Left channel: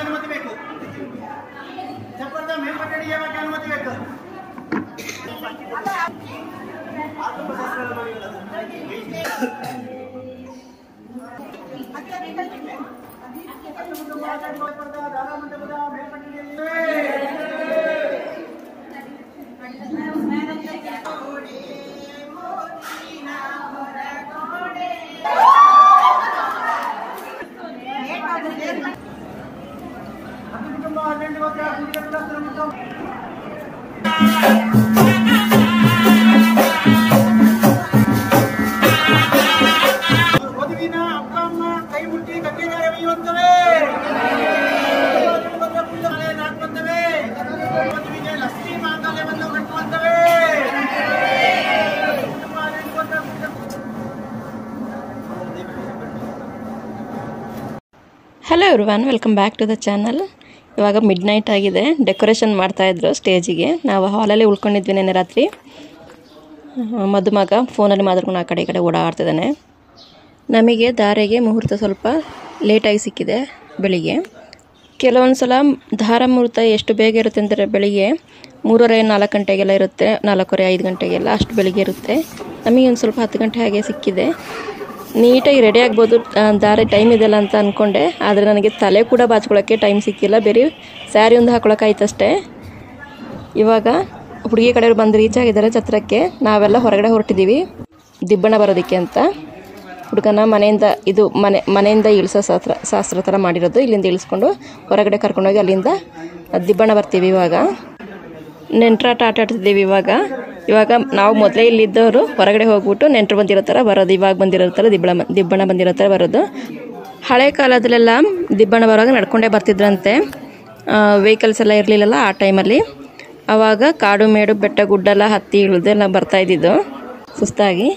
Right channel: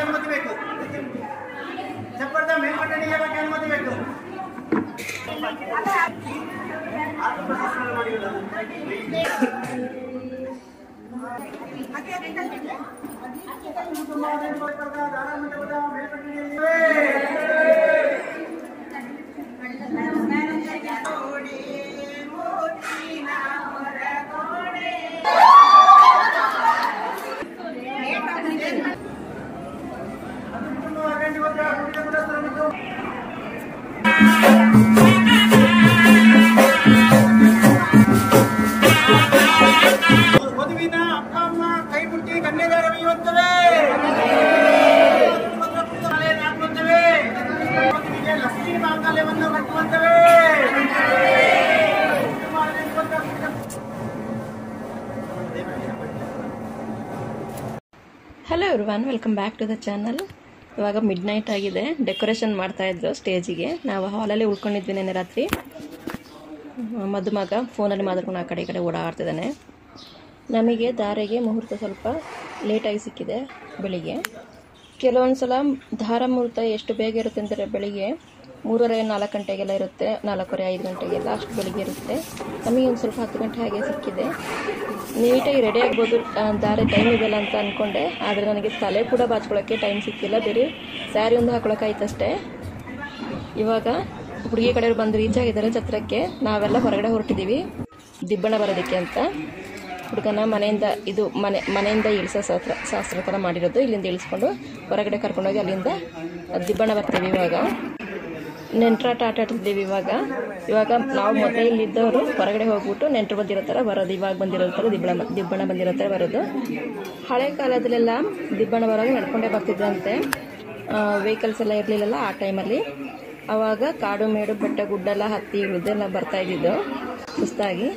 अनुमति ಬೇಕು ಚಪ್ಪರದ ಮೇಲ್ಪಟ್ಟಣಿಗೆ ಅನುಮತಿ ಬೇಕು ವಧುವಿನ ಅಪ್ಪ ಅಮ್ಮ ಕೈ ಮುಟ್ಟಿ ಕನ್ಯಾದಾನ ಒಯ್ಯುವಂತವೇ ಹಾಕುವಂತವೇ ವಧುವಿಗೆ ಲಕ್ಷ್ಮೀ ಮಾಂಗಲ್ಯವನ್ನು ಕಟ್ಟುವಂತವೇ hello everyone, welcome back to the channel. ಇವಾಗ ಮಿಡ್ ನೈಟ್ ಆಗಿದೆ. ಡೆಕೋರೇಷನ್ ಮಾಡ್ತಾಯಿದ್ರು ಸ್ಟೇಜಿಗೆ. ನಾವು ಹಾಲಲ್ಲಿ ಉಳ್ಕೊಂಡಿದ್ವಿ ನೆನ್ನೆ ರಾತ್ರಿ. ಮದುಮಗ ಫೋನಲ್ಲಿ ಮಾತಾಡ್ಕೊಂಡು ಆ ಕಡೆ ಈ ಕಡೆ ಓಡಾಡ್ತಿದ್ದಾನೆ. ನಮಗೆ ಧಾರೆಗೆ ಮುಹೂರ್ತ ಸ್ವಲ್ಪ ಲೇಟಾಗಿ ಸಿಕ್ಕಿದೆ ಬೆಳಿಗ್ಗೆ. ಕೆಲವೊಂದು ಸಲ ಧಾರ ಮುಹೂರ್ತ ಎಷ್ಟು ಬೇಗ ಇರುತ್ತೆ ಅಂದರೆ ಬೆಳಿಗ್ಗೆ 3:30-4 ಗಂಟೆಗೆಲ್ಲ ಇರುತ್ತೆ, 4:45-5 ಗಂಟೆಗೆಲ್ಲ ಅಷ್ಟು ಬೆಳಿಗ್ಗೆ ಇರುತ್ತೆ. ನಮಗೆ ಒಂದು ಸ್ವಲ್ಪ 10 ಗಂಟೆ ಹಾಗೆ ಸಿಕ್ಕಿದೆ. ನೀಟಾಗಿ ರೆಡಿ ಆಗ್ಬೋದು, ದಾರೆ ಟೈಮ್ ಇದೆಯಲ್ಲ ಅಂತ ಅಂದ್ಕೊಂಡೆ. ಆದರೆ ನನಗೆ ತಲೆ ಕೂಡ ಬಾಚ್ಕೊಳ್ಳೋಕ್ಕೆ ಟೈಮ್ ಸಿಕ್ಕಿಲ್ಲ. ಬೇರೆ ಸ್ಯಾರಿ ಒಂದು ಹಾಕೊಳ್ಳೋಕ್ಕಾಯ್ತಷ್ಟೇ. ಇವಾಗ ಹುಡುಗಿ ಕಡೆಯವರು ಬಂದು ರೀಚ್ ಆಗಿದ್ದಾರೆ ಛತ್ರಕ್ಕೆ. ನಾವೆಲ್ಲ ಹೊರಗಡೆ ಹೊರಟಿದ್ದೀವಿ ದಿಬ್ಬಣ ಬರೋದಕ್ಕೆ ಅಂತ. ಹುಡುಗನ ಮನೆಯಿಂದ ಇಳಿಸೋ ಶಾಸ್ತ್ರ ಥರ ಮಾಡಿರೋದು. ಇಲ್ಲಿಂದ ಇಳಿಸ್ಕೊಂಡು ಹೊರಗಡೆ ಕರ್ಕೊಂಡೋಗಿ ಅಲ್ಲಿಂದ ದಿಬ್ಬಣ ಬರ್ತೀವಿ. ಇವಾಗ ನೆಂಟ್ರಾಟ ಆಟ ಆಡ್ತಿದ್ದೀವಿ. ಇವಾಗ ನಾವು ಮೊದಲೇ ಇಲ್ಲಿದ್ದವರು ಹೊರಗಡೆ ಹೋಗ್ಬಿಟ್ಟು ನೆಂಟರು ಬಂದಿರೋ ಥರ ಬರೋದು. ಇವಾಗ ಬಂದಿರೋ ಥರ ದಿಬ್ಬಣ ಬಂದಿರೋ ಥರ ಬರೋದು. ಹಳೆ ಕಾಲದಲ್ಲೆಲ್ಲ ದಿಬ್ಬಣ ಬರುವಾಗ ನಡ್ಕೊಂಡೇ ಬರ್ತಿದ್ರಂತೆ. ವೆಹಿಕಲ್ಸ್ ಎಲ್ಲ ಇರಲಿಲ್ಲಲ್ಲ ಆ ಟೈಮಲ್ಲಿ. ಆವಾಗ ಕಾಡು ಮೇಡು ಬೆಟ್ಟ ಗುಡ್ಡೆಲ್ಲ ಹತ್ತಿ ಇಳಿದೆಲ್ಲ ಬರ್ತಾಯಿದ್ದಿದ್ದು ಸುಸ್ತಾಗಿ.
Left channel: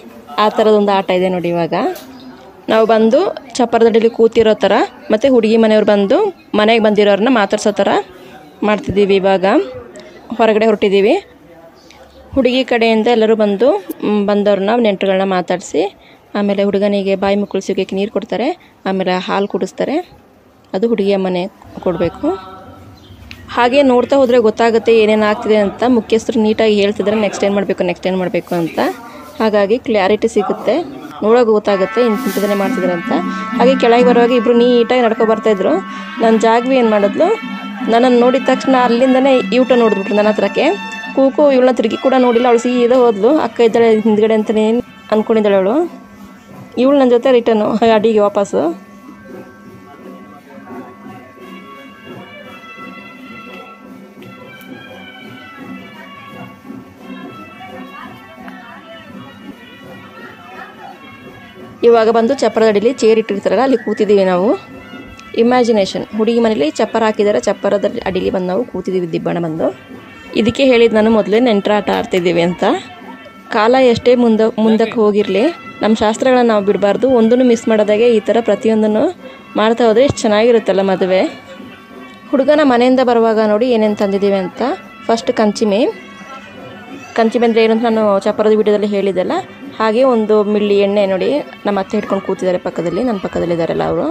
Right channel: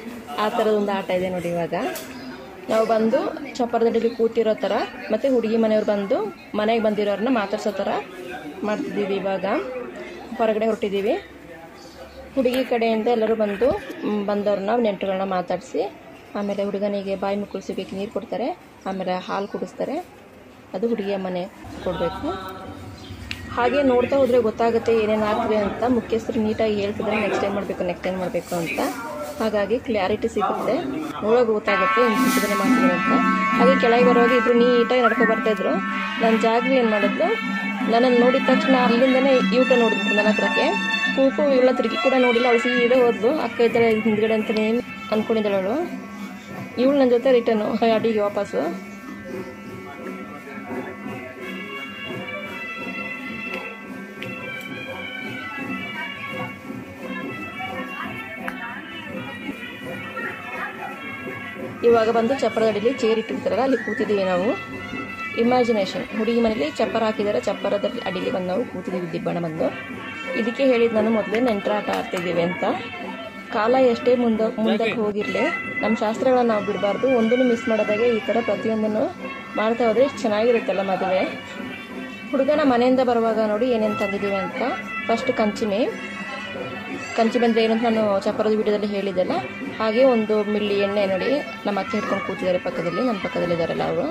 ಆ ಥರದೊಂದು ಆಟ ಇದೆ ನೋಡಿ. ಇವಾಗ ನಾವು ಬಂದು ಚಪ್ಪರದಡಿಲಿ ಕೂತಿರೋ ಥರ ಮತ್ತು ಹುಡುಗಿ ಮನೆಯವ್ರು ಬಂದು ಮನೆಗೆ ಬಂದಿರೋರನ್ನ ಮಾತಾಡ್ಸೋ ಥರ ಮಾಡ್ತಿದ್ದೀವಿ. ಇವಾಗ ಹೊರಗಡೆ ಹೊರಟಿದ್ದೀವಿ. ಹುಡುಗಿ ಕಡೆಯಿಂದ ಎಲ್ಲರೂ ಬಂದವ್ರನ್ನ ನೆಂಟರುಗಳನ್ನ ಮಾತಾಡಿಸಿ ಆಮೇಲೆ ಹುಡುಗನಿಗೆ ಬಾಯಿ ಮುಕ್ಕಳಿಸೋಕೆ ನೀರು ಕೊಡ್ತಾರೆ. ಆಮೇಲೆ ಹಾಲು ಕುಡಿಸ್ತಾರೆ. ಅದು ಹುಡುಗಿಯ ಮನೆ ಕೊಡಬೇಕು. ಹಾಗೆ ನೋಡ್ತಾ ಹೋದರೆ ಗೊತ್ತಾಗುತ್ತೆ ಏನೇನು ಆಗ್ತಿದೆ ಅಂತ. ಮುಖ್ಯಸ್ಥರು ನೀಟಾಗಿ ಹೇಳ್ತಿದ್ದಾರೆ ನೆಕ್ಸ್ಟ್ ಏನು ಮಾಡಬೇಕು ಅಂತ. ಹಾಗಾಗಿ ಕ್ಲಾರಿಟಿ ಸಿಗುತ್ತೆ, ನೋಡೋಕೆ ಗೊತ್ತಾಗುತ್ತೆ ಇಂಥದನ್ನೇ ಮಾಡ್ತಿದ್ದಾರೆ ಅಂತ. ಹಾಗೆ ಕೆಳಗೆ ಬರುವಾಗ ಇಬ್ಬರು ನೀಟಾಗಿ ನಡ್ಕೊ ಬರ್ತಾಯಿದ್ರು. ನನ್ನ ಜಾಗವಿ ಏನು ಮಾಡಿದ್ಲು, ನನ್ನನ್ನು ನೋಡಿದ ತಕ್ಷಣ ಅಲ್ಲಿಂದನೇ ಯೂಟ ನೋಡಿದ್ಬಿಟ್ರು ನನ್ನ ಹತ್ರಕ್ಕೆ. ಕೂಕು ಇವಳನ್ನ ತಿರುಗಿ ಕೂಡ ನೋಡಿಲ್ಲ. ಅವಳು ಸೀದಾ ಹೋದ್ಲು. ಅಕ್ಕ ಇದ್ದಾಳೆ ಹಿಂದ್ಗಡೆ ಅಂತಲೇ ಅಂದ್ಕೊಂಡಿದ್ದಾಳೆ ಅವಳು. ಇವಳು ನನ್ನ ಜೊತೆ ರಿಟರ್ನು ಅಡಿಗೆ ವಾಪಸ್ಸು. ಇವಾಗ ಬಂದು ಚಪ್ಪರದ ಅಡಿಲಿ ಚೇರ್ ಇಟ್ಟಿರ್ತಾರಲ್ಲ ಅಲ್ಲಿ ಕೂತಿದ್ದೀವಿ ನಾವು. ಇಮ್ಯಾಜಿನೇಷನ್. ಹುಡುಗಿ ಮನೇಲಿ ಚಪ್ಪರ ಹಾಕಿದ್ದಾರೆ, ಚಪ್ಪರದ ಅಡಿಲಿ ಬಂದು ನಾವು ಕೂತಿದ್ದೀವಿ ದಿಬ್ಬಣ ಬಂದು. ಇದಕ್ಕೆ ಹೇಳಿದ್ದು ನಾನು ಮೊದಲೇ ನೆಂಟರಾಟ ಆಡ್ತಿದ್ದೀವಿ ಅಂತ. ಕಾಲ ಎಷ್ಟೇ ಮುಂದಕ್ಕೆ ಹೋಗಿರಲಿ ನಮ್ಮ ಶಾಸ್ತ್ರಗಳನ್ನ ನಾವು ಬಿಡಬಾರ್ದು. ಒಂದನ್ನು ಮಿಸ್ ಮಾಡೋದಾಗೆ ಈ ಥರ ಪ್ರತಿಯೊಂದನ್ನು ಮಾಡ್ತಾ ಹೋದರೆ ಎಷ್ಟು ಚೆನ್ನಾಗಿರುತ್ತಲ್ಲ ಮದುವೆ. ಹುಡುಗನ ಮನೆಯಿಂದ ಬರುವಾಗ ನೋಡಿ ಏನೇನು ತಂದಿದ್ದೀವಿ ಅಂತ. ಫಸ್ಟ್ ಕಂಚಿಮೆ ಅಂದರೆ ಏನು ಅಂತ ನಾನು ಚಪ್ಪರದ ವಿಡಿಯೋದಲ್ಲಿ ಹೇಳಿದ್ದೆಲ್ಲ. ಹಾಗೆ ಒಂದು ಮಿಳ್ಳಿ ಎಣ್ಣೆ ನೋಡಿ, ನಮ್ಮ ಅತ್ತೆ ಹಿಡ್ಕೊಂಡು ಕೂತಿದ್ದಾರೆ ಪಕ್ಕದಲ್ಲಿ, ನನ್ನ ಪಕ್ಕದಲ್ಲಿದ್ದಾರಲ್ಲ ಅವರು.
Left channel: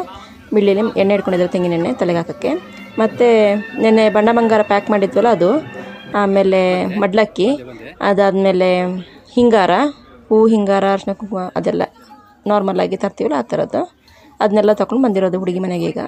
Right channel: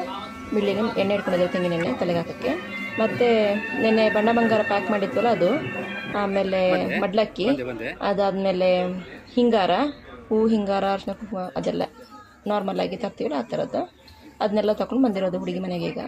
ಮಿಳ್ಳಿಲಿ ಎಣ್ಣೆ ಹಿಡ್ಕೊಂಡಿದ್ದಾರೆ, ತೆಂಗಿನ ಎಣ್ಣೆ ತಲೆಗೆ ಹಾಕೋಕ್ಕೆ. ಮತ್ತು ನೆನ್ನೆ ಬಣ್ಣ ಬಂಗಾರ ಪ್ಯಾಕ್ ಮಾಡಿದ್ವಲ್ಲ ಅದು. ಆಮೇಲೆ ಮಡ್ಲಕ್ಕಿ, ಅದಾದಮೇಲೆ ಹಿಂಗಾರ, ಹೂವು ಹಿಂಗಾರ, ಅರ್ಶಿನ ಕುಂಕುಮ ಅದೆಲ್ಲ ನಾರ್ಮಲಾಗಿ ತರ್ತೀವಲ್ಲ ಆ ಥರದ್ದು. ಅದನ್ನೆಲ್ಲ ತೊಗೊಂಡು ಬಂದಿರೋದು ಹುಡುಗಿ ಮನೆಗೆ. ಈಗ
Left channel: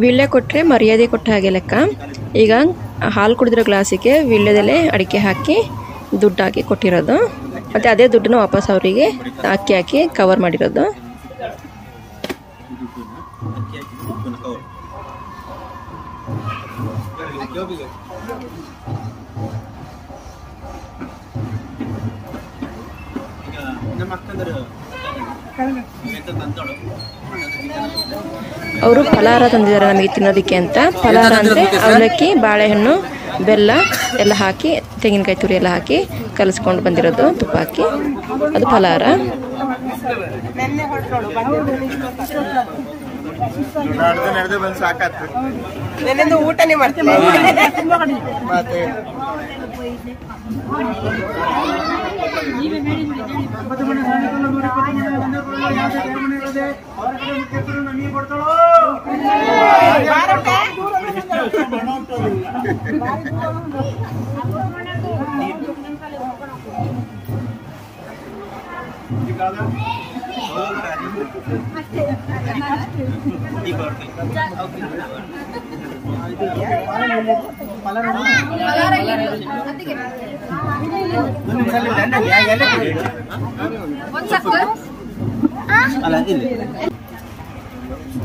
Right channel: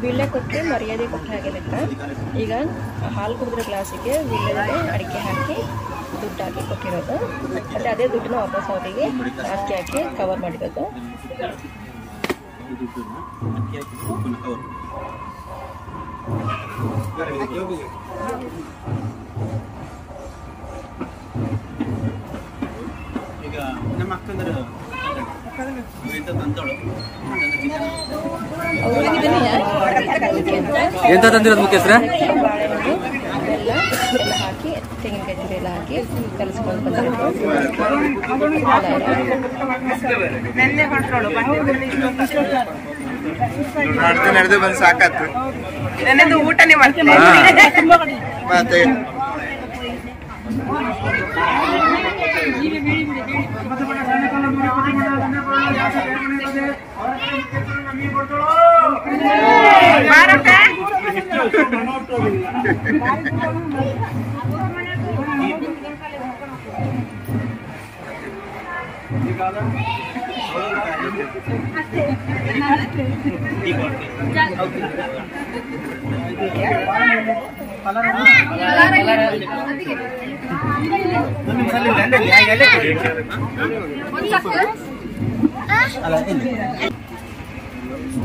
ವೀಳ್ಯ ಕೊಟ್ಟರೆ ಮರ್ಯಾದೆ ಕೊಟ್ಟ ಹಾಗೆ ಲೆಕ್ಕ. ಈಗ ಹಾಲು ಕುಡಿದಿರೋ ಗ್ಲಾಸಿಗೆ ವೀಳ್ಯದೆಲೆ ಅಡಿಕೆ ಹಾಕಿ ದುಡ್ಡು ಹಾಕಿ ಕೊಟ್ಟಿರೋದು, ಮತ್ತು ಅದೇ ದುಡ್ಡನ್ನು ವಾಪಸ್ ಅವರಿಗೆ ಅಕ್ಕಿ ಹಾಕಿ ಕವರ್ ಮಾಡಿರೋದು. ಅವರು ಫಲಾರ ತಂದಿದ್ದಾರೆ ನಮಗೆ ತಿನ್ನೋದಕ್ಕೆ ಅಂತ. ಅವಲಕ್ಕಿ, ಬಾಳೆಹಣ್ಣು, ಬೆಲ್ಲ ಎಲ್ಲ ಹಾಕಿ, ತೆಂಗಿನಕಾಯಿ ತುರಿ ಎಲ್ಲ ಹಾಕಿ ಕಲಿಸ್ಕೊಂಡು ಬಂದಿರೋದು, ತುಪ್ಪ ಹಾಕಿ, ಅದು ಫಲಾರ. ಊಟನೇ ಮಾಡ್ತೀನಿ.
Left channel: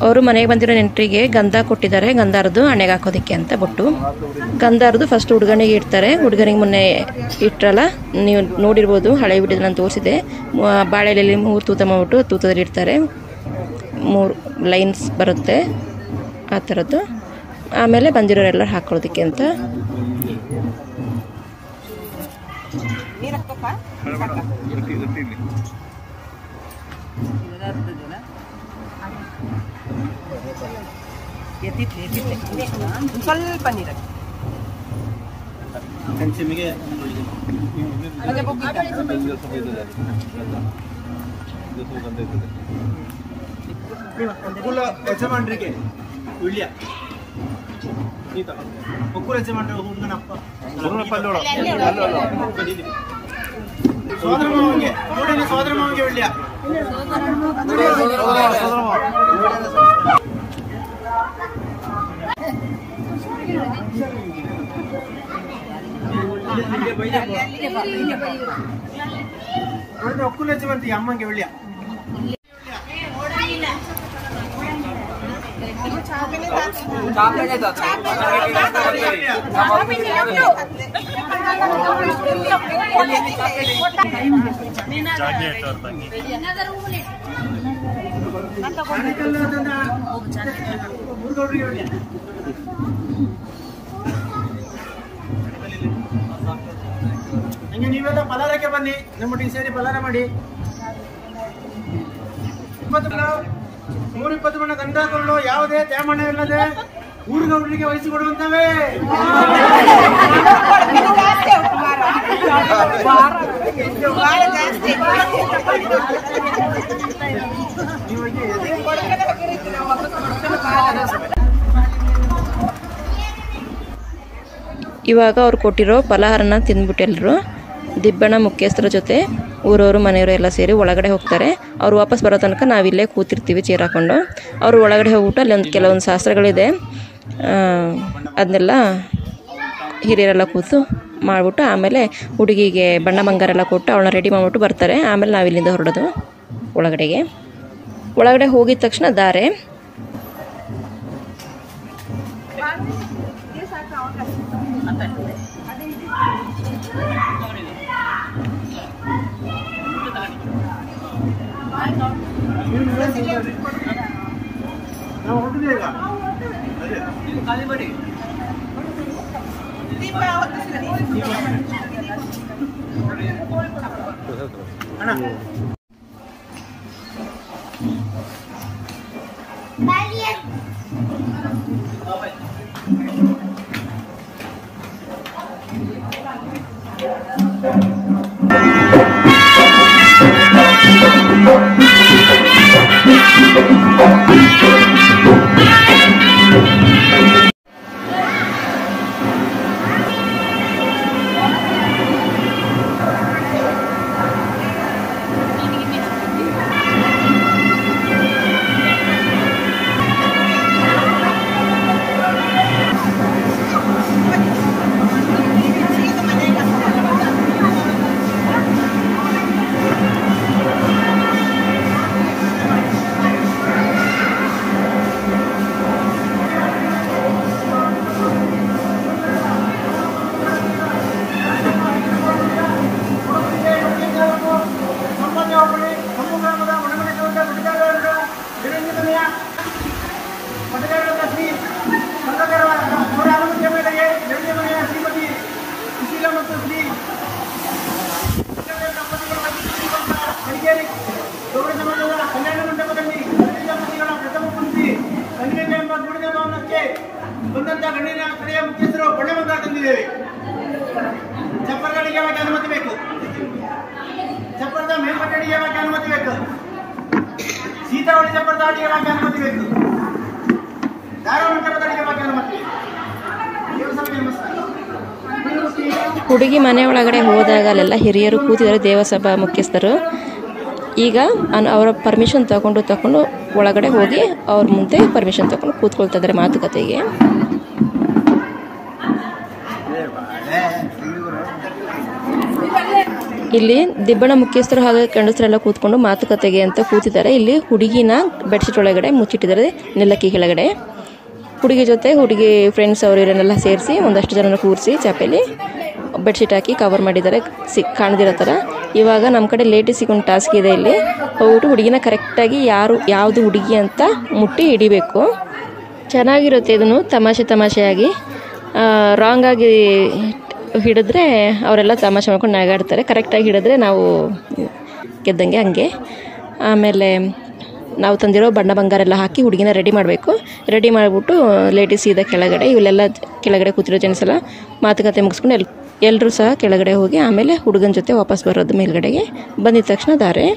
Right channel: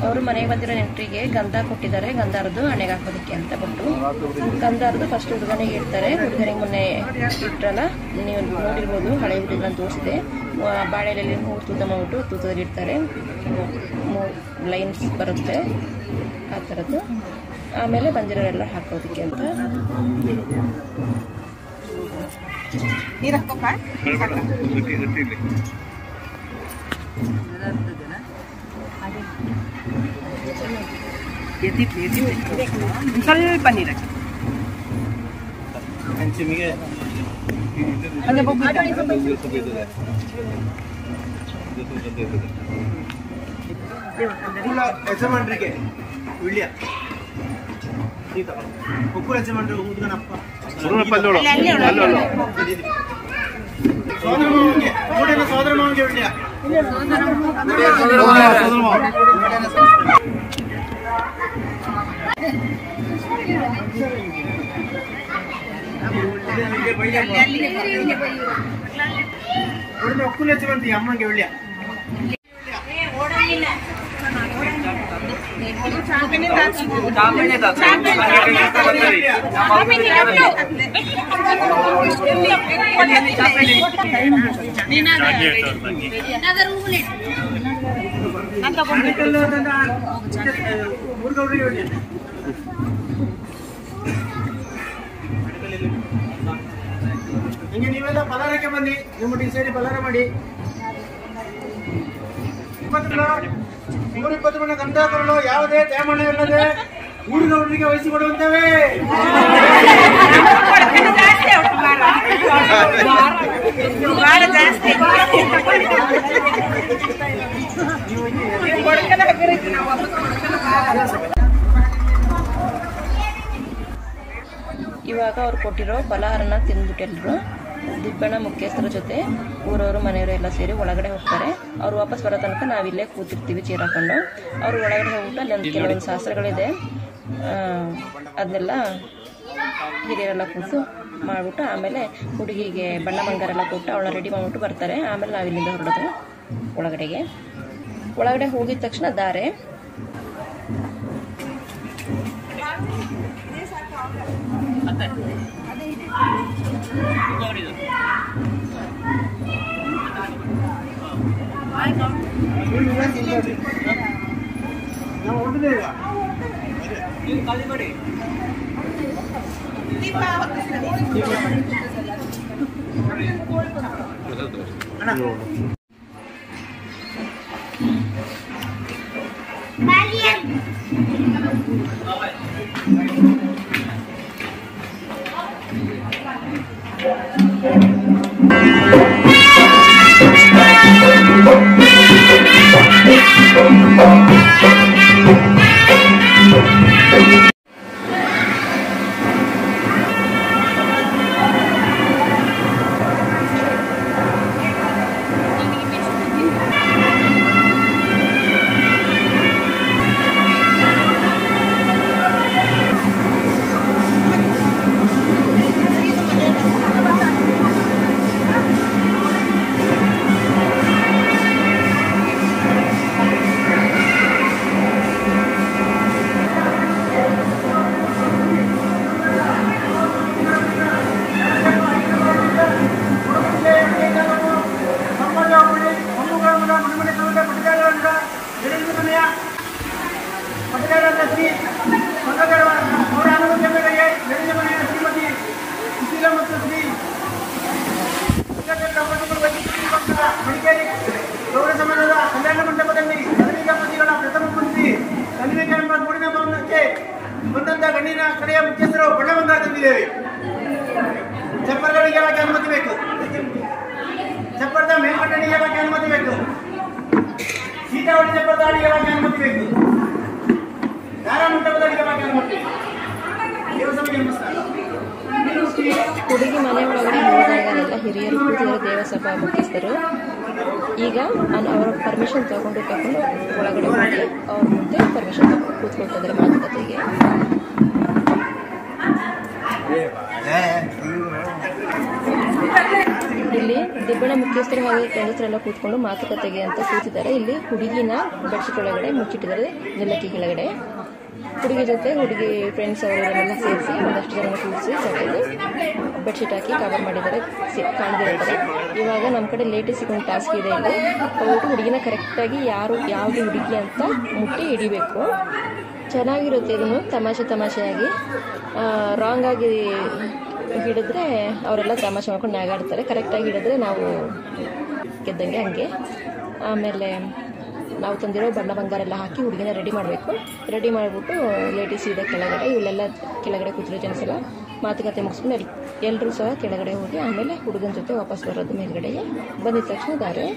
ಅವರು ಮನೆಗೆ ಬಂದಿರೋ ನೆಂಟರಿಗೆ ಗಂಧ ಕೊಟ್ಟಿದ್ದಾರೆ, ಗಂಧಾರದು ಹಣೆಗೆ ಹಾಕೋದಕ್ಕೆ ಅಂತ ಬಿಟ್ಟು. ಗಂಧಾರದು ಫಸ್ಟ್ ಹುಡುಗನಿಗೆ ಇಡ್ತಾರೆ. ಹುಡುಗನಿಗೆ ಮೊನ್ನೆ ಇಟ್ಟರಲ್ಲ, ನೀವು ನೋಡಿರ್ಬೋದು, ಹಳೆ ವಿಡಿಯೋ ನಾನು ತೋರಿಸಿದೆ. ಬಾಳೆಲೆಯಲ್ಲಿ 3 ತೂತ ಮಾಡ್ಬಿಟ್ಟು ತೂತದಲ್ಲಿ ಇಡ್ತಾರೆ, 3 ಲೈನ್ಸ್ ಬರುತ್ತೆ ಆ ಥರದ್ದು. ಆಮೇಲೆ ಬಂದಿರೋರೆಲ್ಲ ಹಾಕೊಳ್ಳೋದಕ್ಕೆ ಅಂತ. ಸ್ವಲ್ಪ ನೀರು ಒಕ್ಕೂಲ ಯಜಮಾನ್ರಿಗೆ ವಿಳ್ಯ ಒಕ್ಕೂಲ ಯಜಮಾನ್ರಿಗೆ ಹುಡುಗನಪ್ಪ ಸೋದರ ಮಾವನಿಗೆ ಮೂಡಿನ ಸೋದರ ಮಾವನಿಗೆ ವಿಳ್ಯ. ಒಕ್ಕೂಲ ಯಜಮಾನ್ರಿಗೆ ಅಮ್ಮಂಗೆ ವಿಳ್ಯ. ಹಿಂಗೆ ನೀವೆಲ್ಲ ಪಲಾರಕ್ಕೆ ಬನ್ನಿ, ನಮ್ಮೊಟ್ಟಿಗೆ ಸೇರಿ ಪಲಾರ ಮಾಡಿ. 120 ಬಣ್ಣ ಗಂಧಾಕರಳು ಯಾವುದೇ ತ್ಯಾಮಣ್ಣವಿಲ್ಲದೆ ಹುಡುಗರಿಗೆ ವಹಿಸಿಕೊಡುವಂತವೇ. ಇವಾಗ ಅವ್ರು ಕೊಟ್ಟಿರೋ ಫಲಹಾರನ ತಿಂದ್ಬಿಟ್ಟು ಎಲ್ಲರೂ ದಿಬ್ಬಣ್ಣ ಮುಖ್ಯಸ್ಥರ ಜೊತೆ ಊರವರು ಮನೆಯವರು ಎಲ್ಲ ಸೇರಿ ಒಳಗಡೆ ಹೋಗ್ತಾರೆ. ಅವ್ರು ವಾಪಸ್ ಬರೋ ತನಕ ನಾವಿಲ್ಲೇ ಕೂತಿರ್ತೀವಿ ಚೇರ್ ಹಾಕ್ಕೊಂಡು. ಅವರು ಒಳಗಡೆ ಹೋಗ್ಬಿಟ್ಟು ಅಲ್ಲಿ ಕೆಲವೊಂದು ಶಾಸ್ತ್ರಗಳಿದೆ, ಅದನ್ನೆಲ್ಲ ಹಿರಿಯರೆಲ್ಲ ಕೂತು ಮಾಡಿಬಿಟ್ಟು ಆಮೇಲೆ ಹುಡುಗಿಗೆ ಬಣ್ಣ ಬಂಗಾರೆಲ್ಲ ಕೊಟ್ಟು ಅವಳನ್ನ ರೆಡಿ ಮಾಡಿಬಿಟ್ಟು ಬರ್ತಾರೆ. ಆಮೇಲೆ ನಾವಿಲ್ಲಿಂದ ಹೊರಡೋದು ಒಳಗಡೆಗೆ. ಒಳಗಡೆ ಹೋಗಿದ ತಕ್ಷಣ ದಾರೆ ಪಟ್ಟಗಾರರಾದ ಶ್ರೀ ಮಂಗಕರ ಅವರ ಅನುಮತಿಯ ಮೇರೆಗೆ ನೆರೆಯ ಮನೆಯ ಶ್ರೀಮತಿ ಸುಶೀಲಾ ಮತ್ತು ಶ್ರೀ ದಂಪತಿಗಳು ಮಡಿಕೇರಿ ಗೌಡ ಸಮಾಜದ ಕಲ್ಯಾಣ ಮಂಟಪದಲ್ಲಿ ಹದಿನೈದು ದಂಪತಿಗಳ ಪ್ರಥಮ ಪುತ್ರಿ ಕನ್ವಿಕ ಎಂಬ ಗುಡಿನ ಭವನಕ್ಕೆ ಬಂದಂತ ಗಣ್ಣಿನ ಕಡೆಯ ಮುಖ್ಯಸ್ಥರು ಬಣ್ಣ ಬಂಗಾರ ತಂದಿದ್ದೇವೆ. ಚಪ್ಪರದ ಅಡಿಗೆವಾಗಿ ಅನುಮತಿ ಬೇಕು. ಚಪ್ಪರದ ಮೇಲ್ಪಟ್ಟ ಅಡಿಗೆವಾಗಿ ಅನುಮತಿ ಬೇಕು. ಸೀತಾವಳಿ ಚಪ್ಪರದ ಅಡಿಗೆವಾಗಿ ಅನುಮತಿ ಬೇಕು. ದಾರಾ ಮಂಟಪದ ಅಡಿಗೆವಾಗಿ ಅನುಮತಿ. ದೇವಸಭೆಗೆ ನಮಸ್ಕಾರ. ಹುಡುಗಿ ಮನೆ ಒಳಗಡೆ ಹೋದಾಗ ಅಲ್ಲೆಲ್ಲ ಹಿರಿಯರು ಕೂತಿದ್ದಾರೆ, ದೇವಸಭಾ ಮುಖ್ಯಸ್ಥರು. ಈಗ ಅವರ ಪರ್ಮಿಷನ್ ತಗೊಂಡು ಒಳಗಡೆ ಹೋಗಿ ಅವ್ರ ಮುಂದೆ ಪರ್ಮಿಷನ್ ತಗೊಂಡು ಕೂತ್ಕೊಳ್ತಾ ಇದ್ದಾರೆ ಮಾತುಕತೆಗೆ. ಇಲ್ಲಿ ದಿಬ್ಬಣ ಮುಖ್ಯಸ್ಥರು ಹಾಗೂ ಗಂಡಸರೆಲ್ಲ ಕೂತ್ಕೊಂಡು ಮಾತುಕತೆಗೆ ಅಂತ ಕೂತಿದ್ದಾರೆ. ಇಲ್ಲಿ ಹುಡುಗಿನ ಬೆಡ್ಶೀಟ್ ಒಳಗಡೆ ಮುಚ್ಚಿಟ್ಟಿದ್ದಾರೆ ನೆಲಕ್ಕಿ ಕೆಳಗಡೆ. ಹುಡುಗಿ ಜೊತೆ ಹುಡುಗಿ ಫ್ರೆಂಡ್ಸ್ ಅವರು ಇವರನ್ನೆಲ್ಲ ಸೇರಿಸಿ ಒಂದಷ್ಟು ಜನನ ಕೂರಿಸಿ ಚಾಪೆಯಲ್ಲಿ ಬೆಡ್ಶೀಟ್ ಹಾಕಿ ಕವರ್ ಮಾಡಿದ್ದಾರೆ ಕಾಣದಿರೋ ಥರ. ಇವಾಗ ನಮ್ಮ ಕಡೆ ಲೇಟೆಸ್ಟ್ ಒಂದು ಟಾಸ್ಕ್ ಇದೆ. ಇಲ್ಲಿ ಹೋಗ್ಬಿಟ್ಟು ಹುಡುಗಿನ ಕರೆಕ್ಟಾಗಿ ಯಾವುದು ಹುಡುಗಿ ಅಂತ ಮುಟ್ಟಿ ಹಿಡಿಬೇಕು. ಚೆನ್ನಾಗಿರುತ್ತೆ ಇದನ್ನು ತಮಾಷೆಯಾಗಿ. ರಾಂಗಾಗಿ ಹಿಡಿದ್ರೆ ಅವರೆಲ್ಲ ತಮಾಷೆ ಮಾಡ್ಕೊಂಡು ನಗಾಡ್ತಾರೆ. ಕರೆಕ್ಟಾಗಿ ಹಿಡಿದ್ರೆ ನಾವು ಗೆದ್ದಂಗೆ ಹಂಗೆ. ಆಮೇಲೆ ನಾವು ತಂದಿರೋ ಬಣ್ಣ ಬಂಗಾರ ಎಲ್ಲ ಹಾಕಿ ಹುಡುಗಿನ ರೆಡಿ ಮಾಡಬೇಕು. ರೆಡಿ ಮಾಡಿಬಿಟ್ಟು ಲೇಡೀಸ್ ಸೀದಾ ಕೆಳಗಡೆ, ಇವಲ್ಲೆಲ್ಲ ಕೆಳಗಡೆ ಕೂತಿರೋ ಜೆಂಟ್ಸ್ ಎಲ್ಲ ಮಾತುಕತೆ ಮುಗಿಸ್ಕೊಂಡು ಎಲ್ಲರೂ ಸಹ ಕೆಳಗಡೆ ಹೋಗಿ ಆಮೇಲೆ ಹುಡುಗನ ಜೊತೆ ವಾಪಸ್ ಬರೋದು ಮೇಲ್ಗಡೆಗೆ. ಬಂದಿದ ತಕ್ಷಣ ದಾರೆ.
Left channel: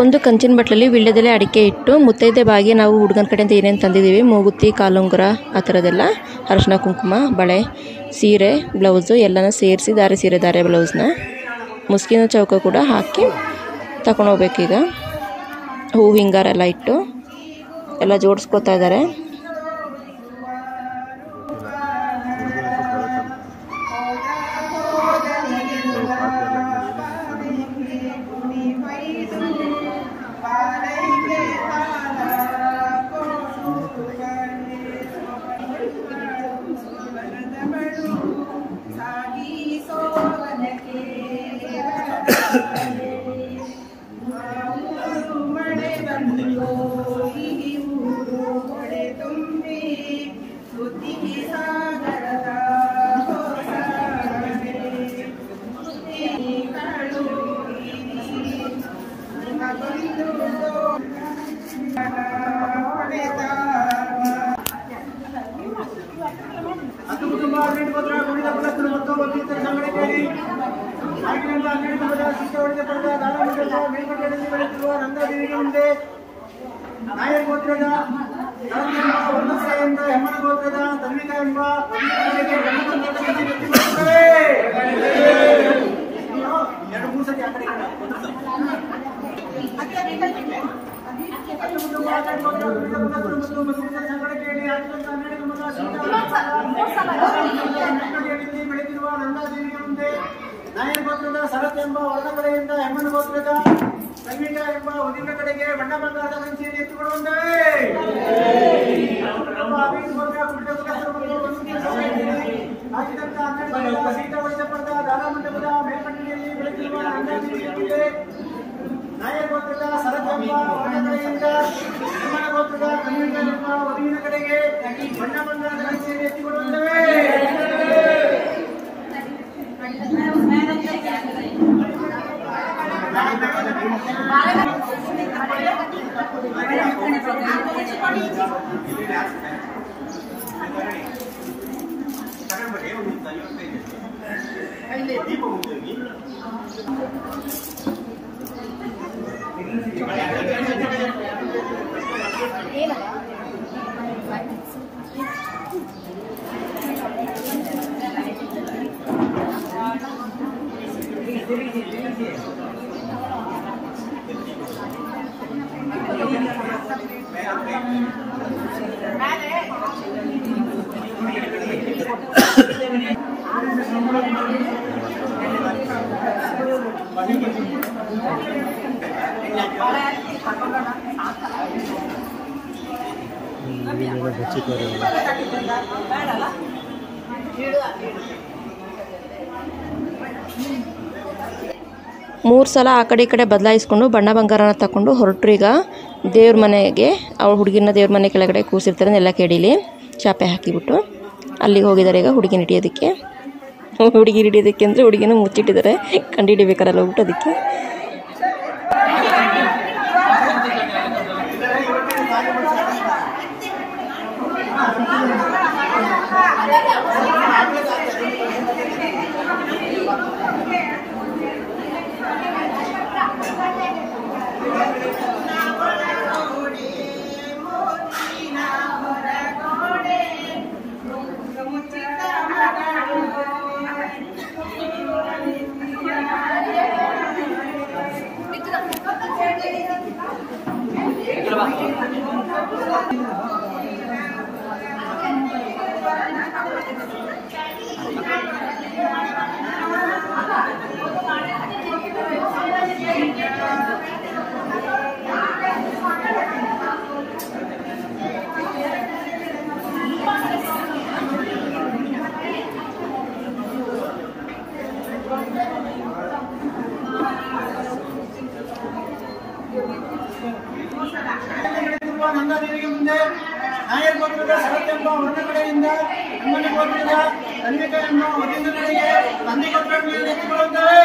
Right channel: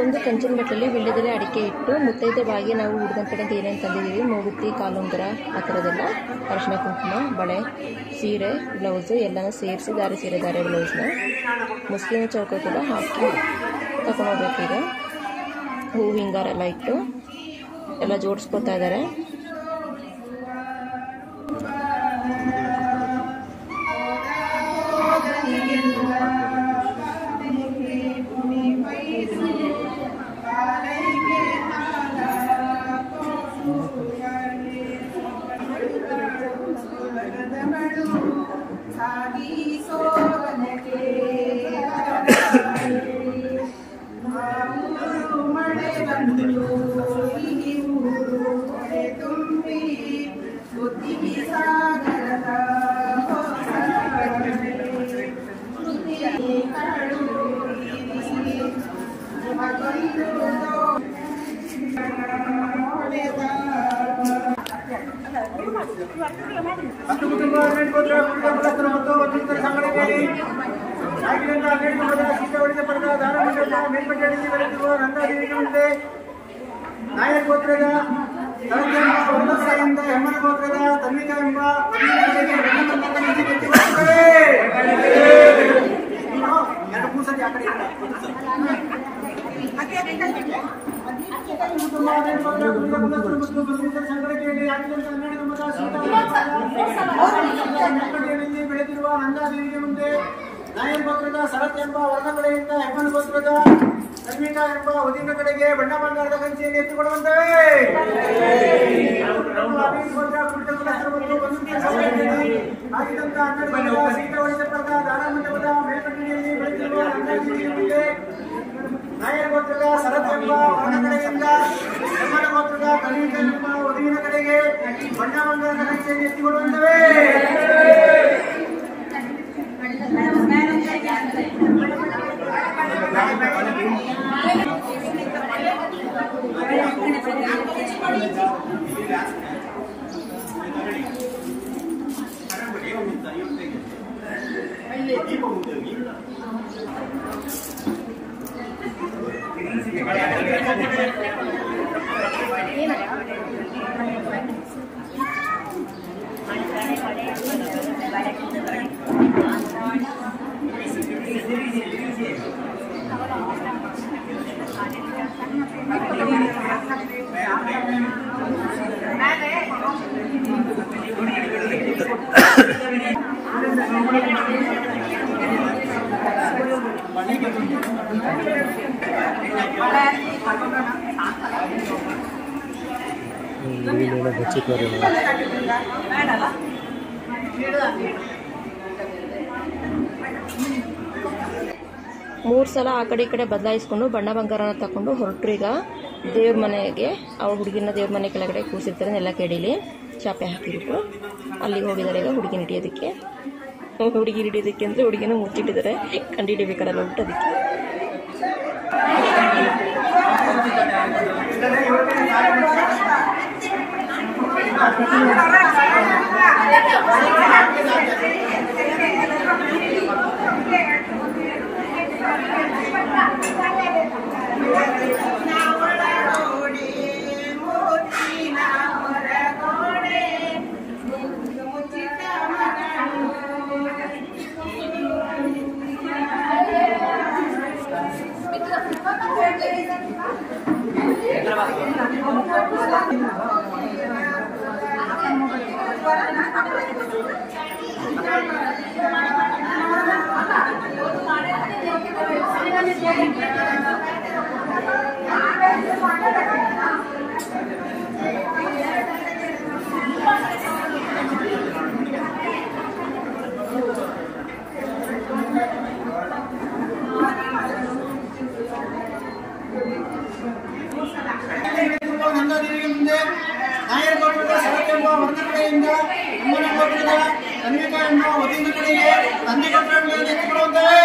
ಒಂದು ಕಂಚಿನ ಬಟ್ಲಲ್ಲಿ ವೀಳ್ಯದೆಲೆ ಅಡಿಕೆ ಇಟ್ಟು ಮುತ್ತೈದೆ ಬಾಗಿ ನಾವು ಹುಡುಗನ ಕಡೆಯಿಂದ ಏನೇನು ತಂದಿದ್ದೀವಿ, ಮೂಗುತಿ, ಕಾಲುಂಗುರ, ಆ ಥರದ್ದೆಲ್ಲ, ಅರಿಶಿನ ಕುಂಕುಮ, ಬಳೆ, ಸೀರೆ, ಬ್ಲೌಸು ಎಲ್ಲನೂ ಸೇರಿಸಿ ದಾರೆ ಬ್ಲೌಸ್ನ ಮುಸ್ಕಿನ ಚೌಕ ಕೂಡ ಹಾಕಿ ತಗೊಂಡೋಗ್ಬೇಕೀಗ. ಹೂ ಹಿಂಗಾರ ಎಲ್ಲ ಇಟ್ಟು ಎಲ್ಲ ಜೋಡಿಸ್ಕೊತಾ ಇದ್ದಾರೆ. ಹತ್ತು ಕುಟುಂಬ 18 ಗೋತ್ರ ಕುಡಿದ ಕುಲಸ್ಥರು ಮತ್ತು ವಕೀಲರ ಸಂಘಟನೆಯಲ್ಲಿ ಆಗಿನಿಂದ 12 ಕುಟುಂಬದ ಸೀತಾವಳಿಗೆ ಪಡೆದ ದಾನಮಂಡಲದ ಮೇಲ್ಪಟ್ಟಣಿಗೆ ಬೆಳೆದಿರುವ ನಂದಾದೇವಿಗೆ ಮುಂದೆ ನಾಯರ್ ಗೋತ್ರದ ಎಂಬ ಹೆಮ್ಮನ ಗೋತ್ರದ ತನ್ವಿಕಾ ಎಂಬ ಮುಕ್ಕಟ್ಟಿಯಲ್ಲಿ ಬೆಳೆದಿರುವ ನಂದಾದೇವಿಗೆ ಮುಂದೆ ನಾಯರ್ ಗೋತ್ರದ ಶರತ್ ಎಂಬ ವರದ ಕಡೆಯಿಂದ ಹೆಮ್ಮನ ಗೋತ್ರದ ಕನ್ವಿಕಾ ಎಂಬ ಉದಿನ ಕಡೆಗೆ ಬಣ್ಣ ಬಂಗಾರದ ಕಂಚಿಯನ್ನು ಎತ್ತಿಕೊಳ್ಳುವಂತವೇ ಹಾಕಿದಂತ 12 ಸೀಟ ಒಳಿಸಪರದ ದಾರ ಮಂಟಪದ ಮೇಲ್ಕಟ್ಟಿಯಲ್ಲಿ ಬೆಳೆದಿರುವ ನಂದಾದೇವಿಗೆ ಮುಂದೆ ನಾಯರ್ ಗೋತ್ರದ ಶರತ್ ಎಂಬ ವರದ ಕಡೆಯಿಂದ ಹೆಮ್ಮನ ಗೋತ್ರದ ಕನ್ವಿಕಾ ಎಂಬ ಉದಿನ ಕಡೆಗೆ ಬಣ್ಣ ಬಂಗಾರದ ಕಂಚಿಯನ್ನು ಎತ್ತಿಕೊಳ್ಳುವಂತವೇ ಮೂರು ಸಲ ಆ ಕಡೆ ಈ ಕಡೆ ಬದಲಾಯಿಸ್ಕೊಂಡು ಬಣ್ಣ ಬಂಗಾರನ ತಗೊಂಡು ಹೊರಟ್ರು. ಈಗ ದೇವ್ರ ಮನೆಗೆ ಅವ್ರ ಹುಡುಗಿನ ದೇವ್ರ ಮನೆ ಕೆಳಗಡೆ ಕೂರಿಸಿರ್ತಾರೆ ಎಲ್ಲ ಕೆಡಿಲಿ ಚಾಪೆ ಹಾಕಿಬಿಟ್ಟು ಅಲ್ಲಿಗೆ ಹೋಗಿದ್ದಾರೆ. ಈಗ ಹುಡುಗಿನ ಹಿಡಿಯೋದಕ್ಕೆ ಅಂದರೆ ಹುಡುಗಿನ ಮುಚ್ಚಿಟ್ಟಿದ್ದಾರೆ, ಕಂಡುಹಿಡಿಬೇಕಾರಲ್ಲ ಹೋಗ್ಬಿಟ್ಟು ಅದಕ್ಕೆ. ನಂದಾದೇವಿಗೆ ಮುಂದೆ ನಾಯರ್ ಗೋತ್ರದ ಶರತ್ ಎಂಬ ವರದ ಕಡೆಯಿಂದ ಹೆಮ್ಮನ ಗೋತ್ರದ ಕನ್ವಿಕಾ ಎಂಬ ಉದಿನ ಕಡೆಗೆ ತಂದೆ ಗೋತ್ರಗಳನ್ನು ಎತ್ತಿಕೊಳ್ಳುತ್ತವೆ.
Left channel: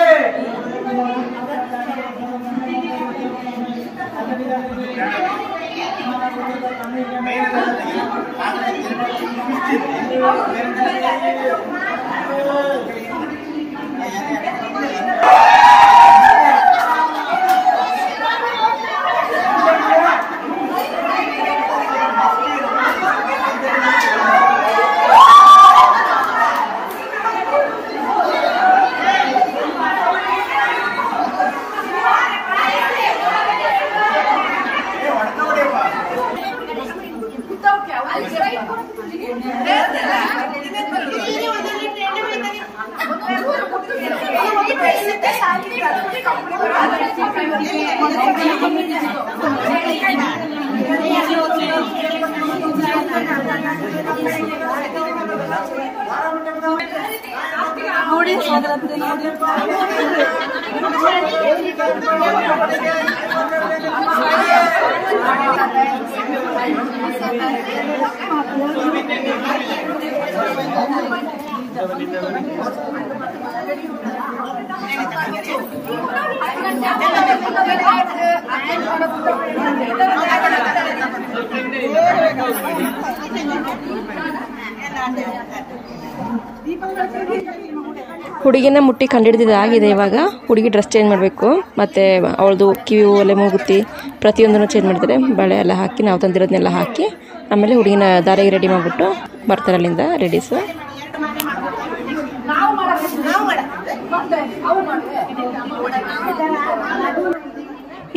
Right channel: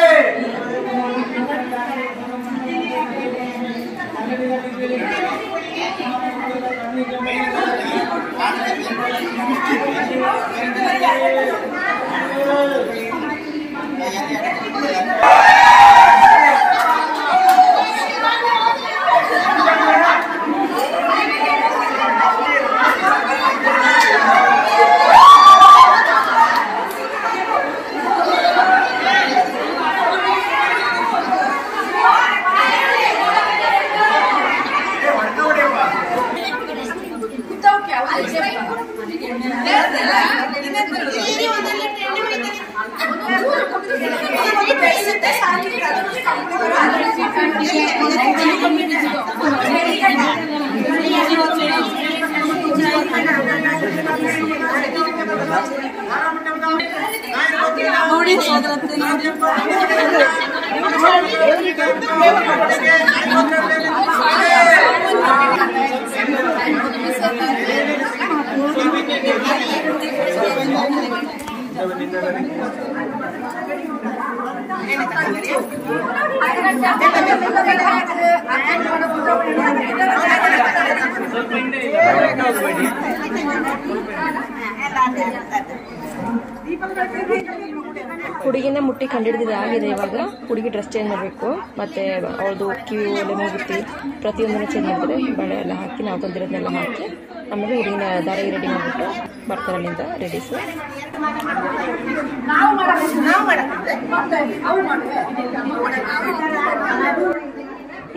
ಹುಡುಗಿನ ಮುಟ್ಟಿ ಕಂಡಿಡಿದಾಗಿದೆ. ಇವಾಗ ಹುಡುಗಿ ಡ್ರೆಸ್ ಚೇಂಜ್ ಮಾಡಬೇಕು, ಮತ್ತು ಅವಳದು ಕಿವಿ ಒಲೆ ಮೂಗುತ್ತಿ ಪ್ರತಿಯೊಂದನ್ನು ಚೇಂಜ್ ಮಾಡ್ತಾರೆ. ಬಳೆ ಎಲ್ಲ ಹಾಕಿ ನಾವು ತಂದಿರೋದನ್ನೆಲ್ಲ ಹಾಕಿ ಆಮೇಲೆ ಹುಡುಗಿನ ದಾರಿಗೆ ರೆಡಿ ಮಾಡಿಬಿಟ್ಟು ಬರ್ತಾರೆ ಅಲ್ಲಿಂದ ರೆಡೀಸು.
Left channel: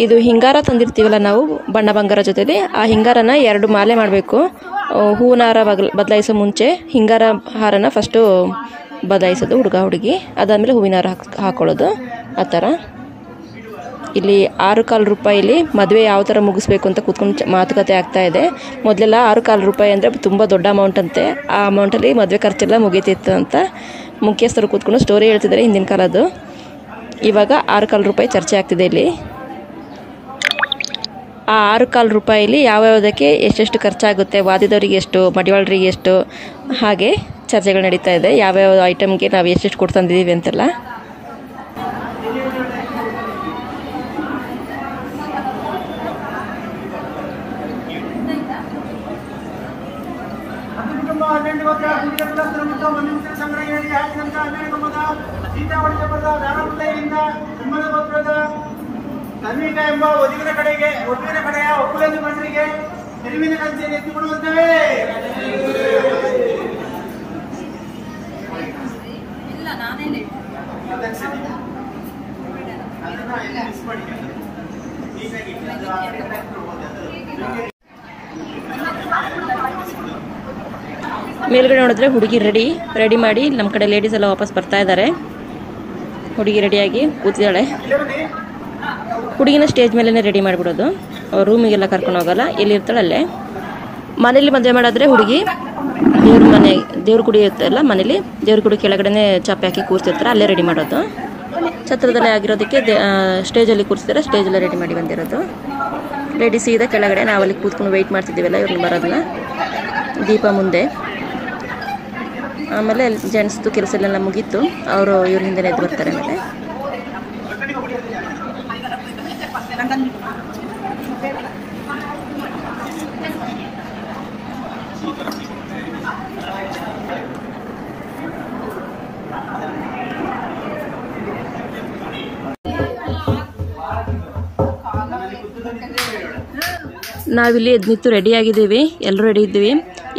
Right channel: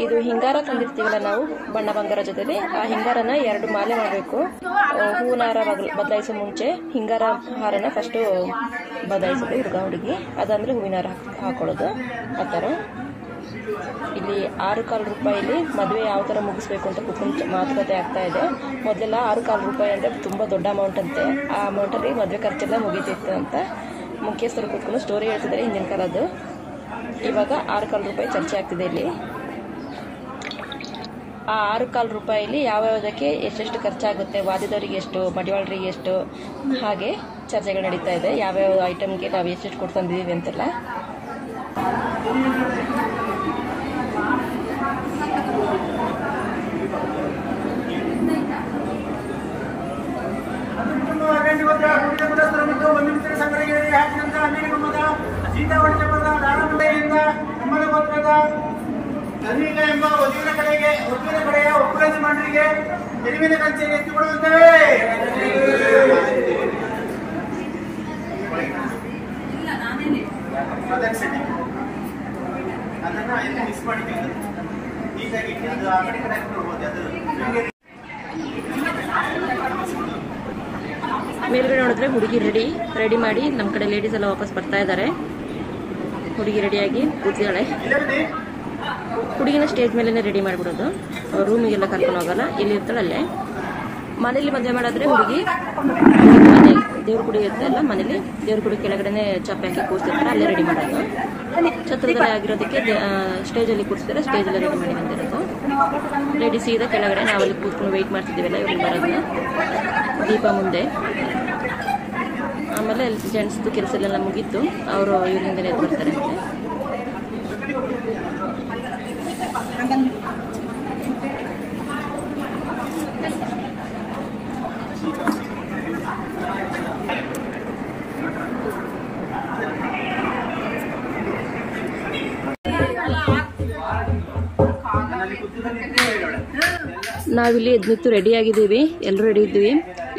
ಇದು ಹಿಂಗಾರ ತಂದಿರ್ತೀವಲ್ಲ ನಾವು ಬಣ್ಣ ಬಂಗಾರ ಜೊತೆಲಿ, ಆ ಹಿಂಗಾರನ 2 ಮಾಲೆ ಮಾಡಬೇಕು. ಹೂವಿನ ಹಾರ ಬದಲಾಯಿಸೋ ಮುಂಚೆ ಹಿಂಗಾರ ಹಾರನ ಫಸ್ಟು ಬದಲಾಯಿಸೋದು ಹುಡುಗ ಹುಡುಗಿ, ಅದಾದಮೇಲೆ ಹೂವಿನ ಹಾರ ಹಾಕ್ಕೊಳ್ಳೋದು. ಆ ಥರ ಇಲ್ಲಿ 6 ರೂಪಾಯಿಲಿ ಮದುವೆ ಯಾವ ಥರ ಮುಗಿಸ್ಬೇಕು ಅಂತ ಕೂತ್ಕೊಂಡು ಮಾತುಕತೆ ಆಗ್ತಾ ಇದೆ. ಮೊದಲೆಲ್ಲ 6 ರೂಪಾಯಿ ಅಂದರೆ ತುಂಬ ದೊಡ್ಡ ಅಮೌಂಟ್ ಅಂತೆ. ಆ ಅಮೌಂಟಲ್ಲಿ ಮದುವೆ ಖರ್ಚೆಲ್ಲ ಮುಗೀತಿತ್ತು ಅಂತ ಮುಖ್ಯಸ್ಥರು ಕೂತ್ಕೊಂಡು ಸ್ಟೋರಿ ಹೇಳ್ತಿದ್ದಾರೆ ಹಿಂದಿನ ಕಾಲದ್ದು. ಇವಾಗ 6 ರೂಪಾಯಿ ಚರ್ಚೆ ಆಗ್ತಿದೆ ಇಲ್ಲಿ. ಆ 6 ರೂಪಾಯಿಲಿ ಯಾವ್ಯಾವುದಕ್ಕೆ ಎಷ್ಟೆಷ್ಟು ಖರ್ಚಾಗುತ್ತೆ, ವಾದಿದವರಿಗೆ ಎಷ್ಟು, ಮಡಿವಾಳರಿಗೆ ಎಷ್ಟು, ಹಾಗೆ ಚರ್ಚೆಗಳು ನಡೀತಾ ಇದೆ. ಯಾವ್ಯಾವ ಐಟಮ್ಗೆ ನಾವು ಎಷ್ಟೆಷ್ಟು ಕೊಟ್ಟು ತಂದಿದ್ದೀವಿ ಅಂತೆಲ್ಲ. ಧರ್ಮಿಕ ಎಂಬ ವಧುವಿನ ಕಡೆಯ ಒಕ್ಕೂಲದ ಮಂಡಳಿಗೆ ನೆರವಿನ ಕಂಚೆಯನ್ನು ಎತ್ತಿಕೊಡುವಂತೇವೆ. ಅದನ್ನ ಮಿಸ್ ಮಾಡಿದ್ದೀವಿ. ಹೀಗಾಗಿ ಅದು ಆ ಕಡೆ ಹೋಗೋದು ಅದು ಮೇಲ್ಗಡೆ ನೋಡಿದ್ರೆ ಹುಡುಗಿ ರೆಡಿ ಮಾಡಿ ನಮ್ಮ ಕಡೆ ಲೇಡೀಸ್ ಎಲ್ಲ ವಾಪಸ್ ಬರ್ತಾ ಇದ್ದಾರೆ. ಹುಡುಗಿ ರೆಡಿಯಾಗಿ ಕೂತಿದ್ದಾಳೆ. ಹುಡುಗಿನ ಸ್ಟೇಜ್ ಮೇಲೇ ರೆಡಿ ಮಾಡಿಬಿಡೋದು, ರೂಮಿಗೆಲ್ಲ ಕರ್ಕೊಂಡು ಹೋಗಲ್ಲ, ಎಲ್ಲಿರ್ತಾಳೆ ಅಲ್ಲೇ. ಮನೇಲಿ ಮದುವೆ ಮಾಡಿದ್ರೆ ಹುಡುಗಿ ದೇವ್ರ ಗುಡಿ ಇರ್ತಲ್ಲ, ಮನೇಲಿ ದೇವ್ರ ಗುಡಿ ಕೆಳಗಡೆ ಚಾಪೆ ಹಾಕಿ ಕೂರಿಸಿರ್ತಾರೆ, ಅಲ್ಲೇ ರೆಡಿ ಮಾಡೋದು. ಛತ್ರದಲ್ಲೇ ಆಗಿರೋದಕ್ಕೆ ಸ್ಟೇಜಲ್ಲಿ ಕೂರಿಸಿದ್ರೆ ಸ್ಟೇಜಲ್ಲೇ ರೆಡಿ ಮಾಡಿ ಬಂದಿರೋದು. ರೆಡಿ ಸೀದಾ ಕೆಳಗಡೆ ನಾವಲ್ಲಿ ಕೂತ್ಕೊಂಡು ವೆಯ್ಟ್ ಮಾಡ್ತಿದ್ದೀವಲ್ಲ ಇವ್ರನ್ನ ಬರೋದನ್ನ, ದೀಪ ಮುಂದೆ. ಆಮೇಲೆ ಜೆಂಟ್ಸ್ದು ಕೆಲಸ ಎಲ್ಲ ಮುಗೀತು, ಅವರು ಇವ್ರ ಹಿಂದೆ ಎದ್ದು ಬರ್ತಾರೆ. ಮತ್ತೆ ನಾವಿಲ್ಲಿ ಎದ್ನಿತ್ತು ರೆಡಿ ಆಗಿದ್ದೀವಿ, ಎಲ್ಲರೂ ರೆಡಿ ಇದ್ದೀವಿ.